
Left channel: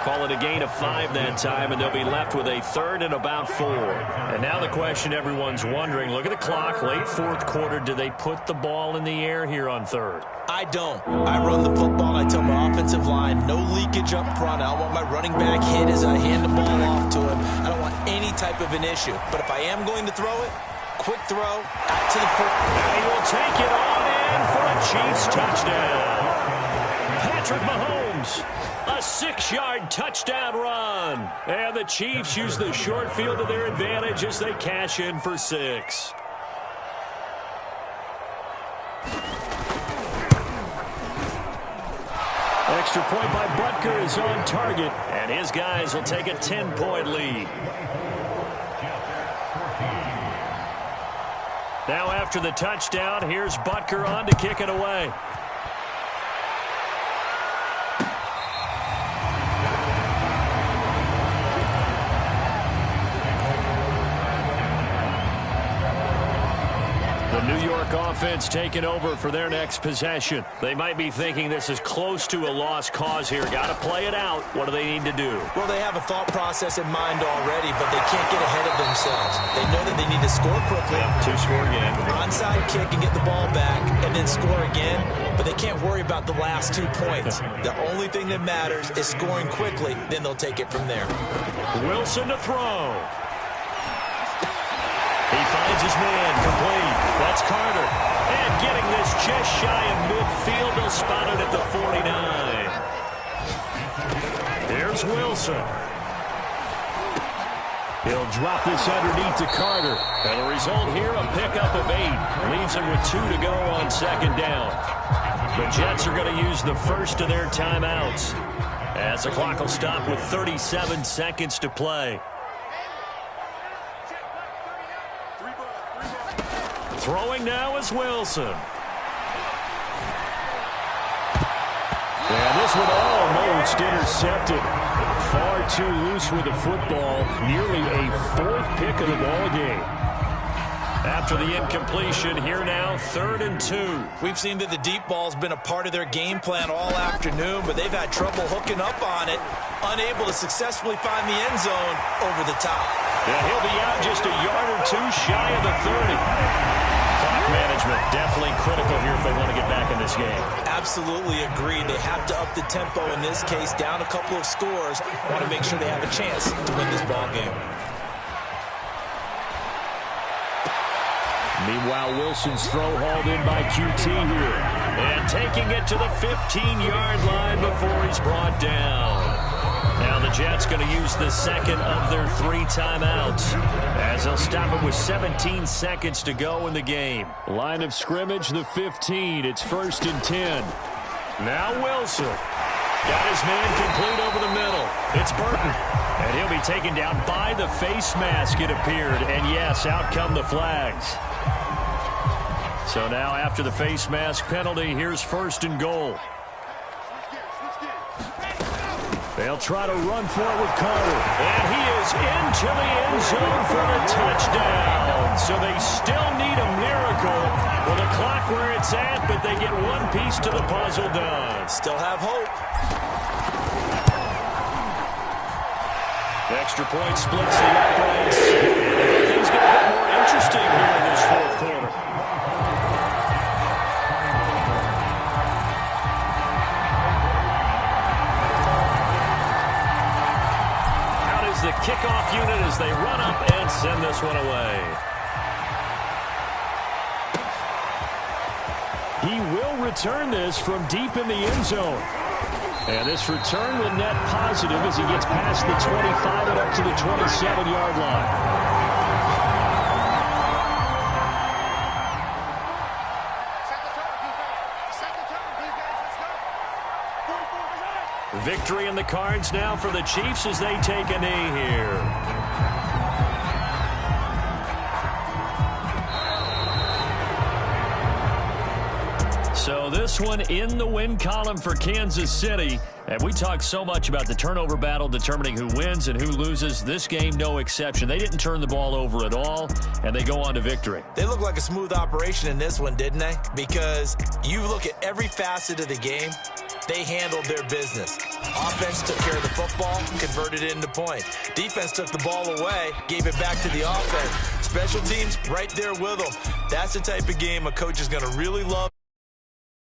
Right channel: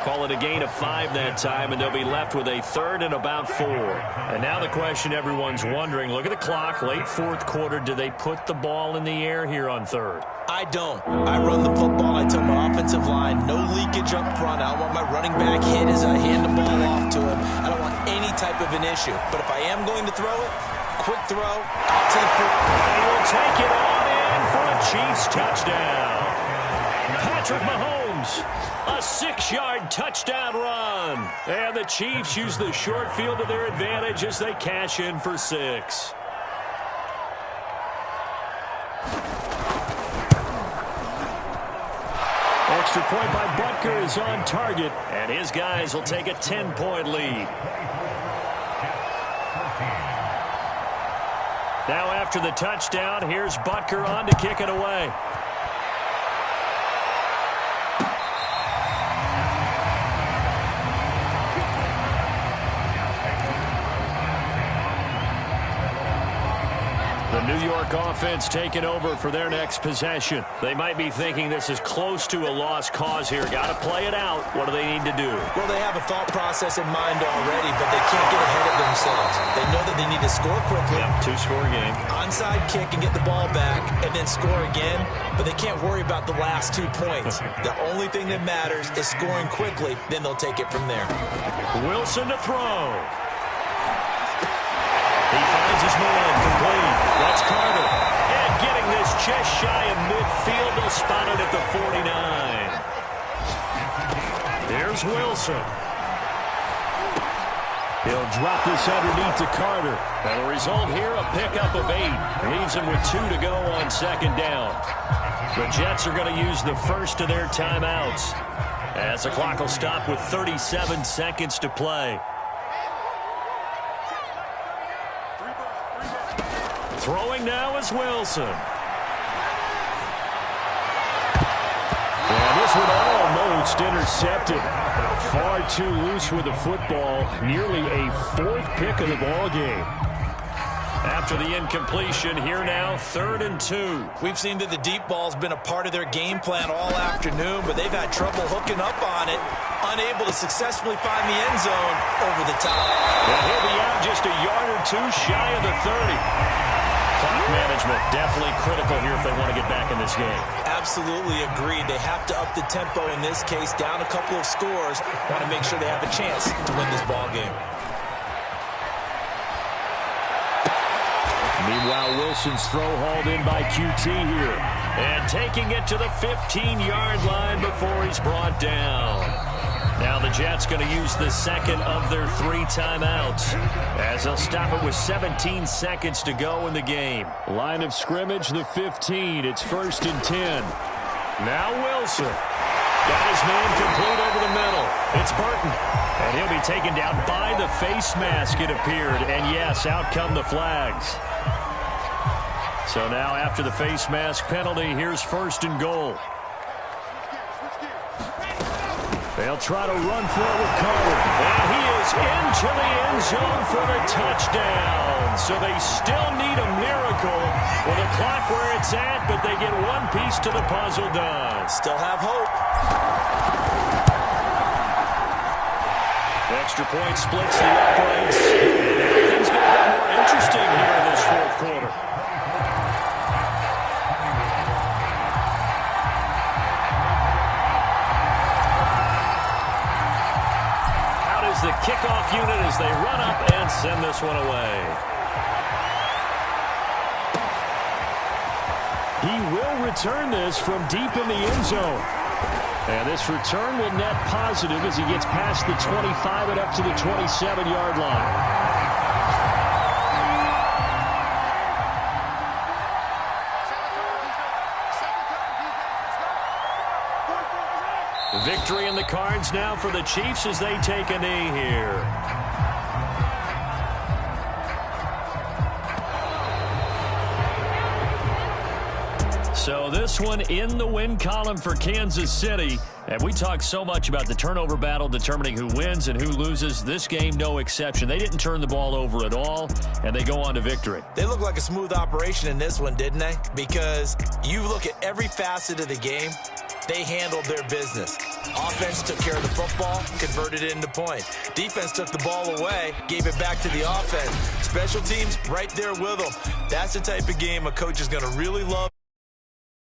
Call it a gain of 5 that time, and they'll be left with a 3rd and about 4. And now the question everyone's wondering, look at the clock, late 4th quarter, do they put the ball in the air here on 3rd? I don't. I run the football. I tell my offensive line, no leakage up front. I don't want my running back hit as I hand the ball off to him. I don't want any type of an issue. But if I am going to throw it, quick throw, out to the foot. And he will take it on in for a Chiefs touchdown. Patrick Mahomes, a 6-yard touchdown run. And the Chiefs use the short field to their advantage as they cash in for 6. Extra point by Butker is on target, and his guys will take a 10-point lead. Now after the touchdown, here's Butker on to kick it away. The New York offense taking over for their next possession. They might be thinking this is close to a lost cause here. Got to play it out. What do they need to do? Well, they have a thought process in mind already, but they can't get ahead of themselves. They know that they need to score quickly. Yep, 2-score game. Onside kick and get the ball back and then score again, but they can't worry about the last 2 points. The only thing that matters is scoring quickly, then they'll take it from there. Wilson to throw. He finds his man, complete. That's Carter. And getting this just shy of midfield, they'll spot it at the 49. Here's Wilson. He'll drop this underneath to Carter. And the result here, a pickup of 8. Leaves him with 2 to go on 2nd down. The Jets are going to use the first of their timeouts, as the clock will stop with 37 seconds to play. Throwing now is Wilson. And this one almost intercepted. Far too loose with the football. Nearly a 4th pick of the ball game. After the incompletion, here now, 3rd and 2. We've seen that the deep ball's been a part of their game plan all afternoon, but they've had trouble hooking up on it, unable to successfully find the end zone over the top. And he'll be out just a yard or 2 shy of the 30. Clock management definitely critical here if they want to get back in this game. Absolutely agreed. They have to up the tempo in this case, down a couple of scores. Want to make sure they have a chance to win this ball game. Meanwhile, Wilson's throw hauled in by QT here. And taking it to the 15-yard line before he's brought down. Now the Jets going to use the 2nd of their 3 timeouts, as they'll stop it with 17 seconds to go in the game. Line of scrimmage, the 15. It's 1st and 10. Now Wilson. Got his man complete over the middle. It's Burton. And he'll be taken down by the face mask, it appeared. And yes, out come the flags. So now after the face mask penalty, here's 1st and goal. They'll try to run for it with Carter. And he is into the end zone for the touchdown. So they still need a miracle with the clock where it's at, but they get one piece to the puzzle done. Still have hope. Extra point splits the uprights. And now things get a bit more interesting here in this 4th quarter. The kickoff unit as they run up and send this one away. He will return this from deep in the end zone. And this return will net positive as he gets past the 25 and up to the 27-yard line. Victory in the cards now for the Chiefs as they take a knee here. So this one in the win column for Kansas City. And we talk so much about the turnover battle determining who wins and who loses. This game, no exception. They didn't turn the ball over at all, and they go on to victory. They look like a smooth operation in this one, didn't they? Because you look at every facet of the game, they handled their business. Offense took care of the football, converted it into points. Defense took the ball away, gave it back to the offense. Special teams right there with them. That's the type of game a coach is going to really love.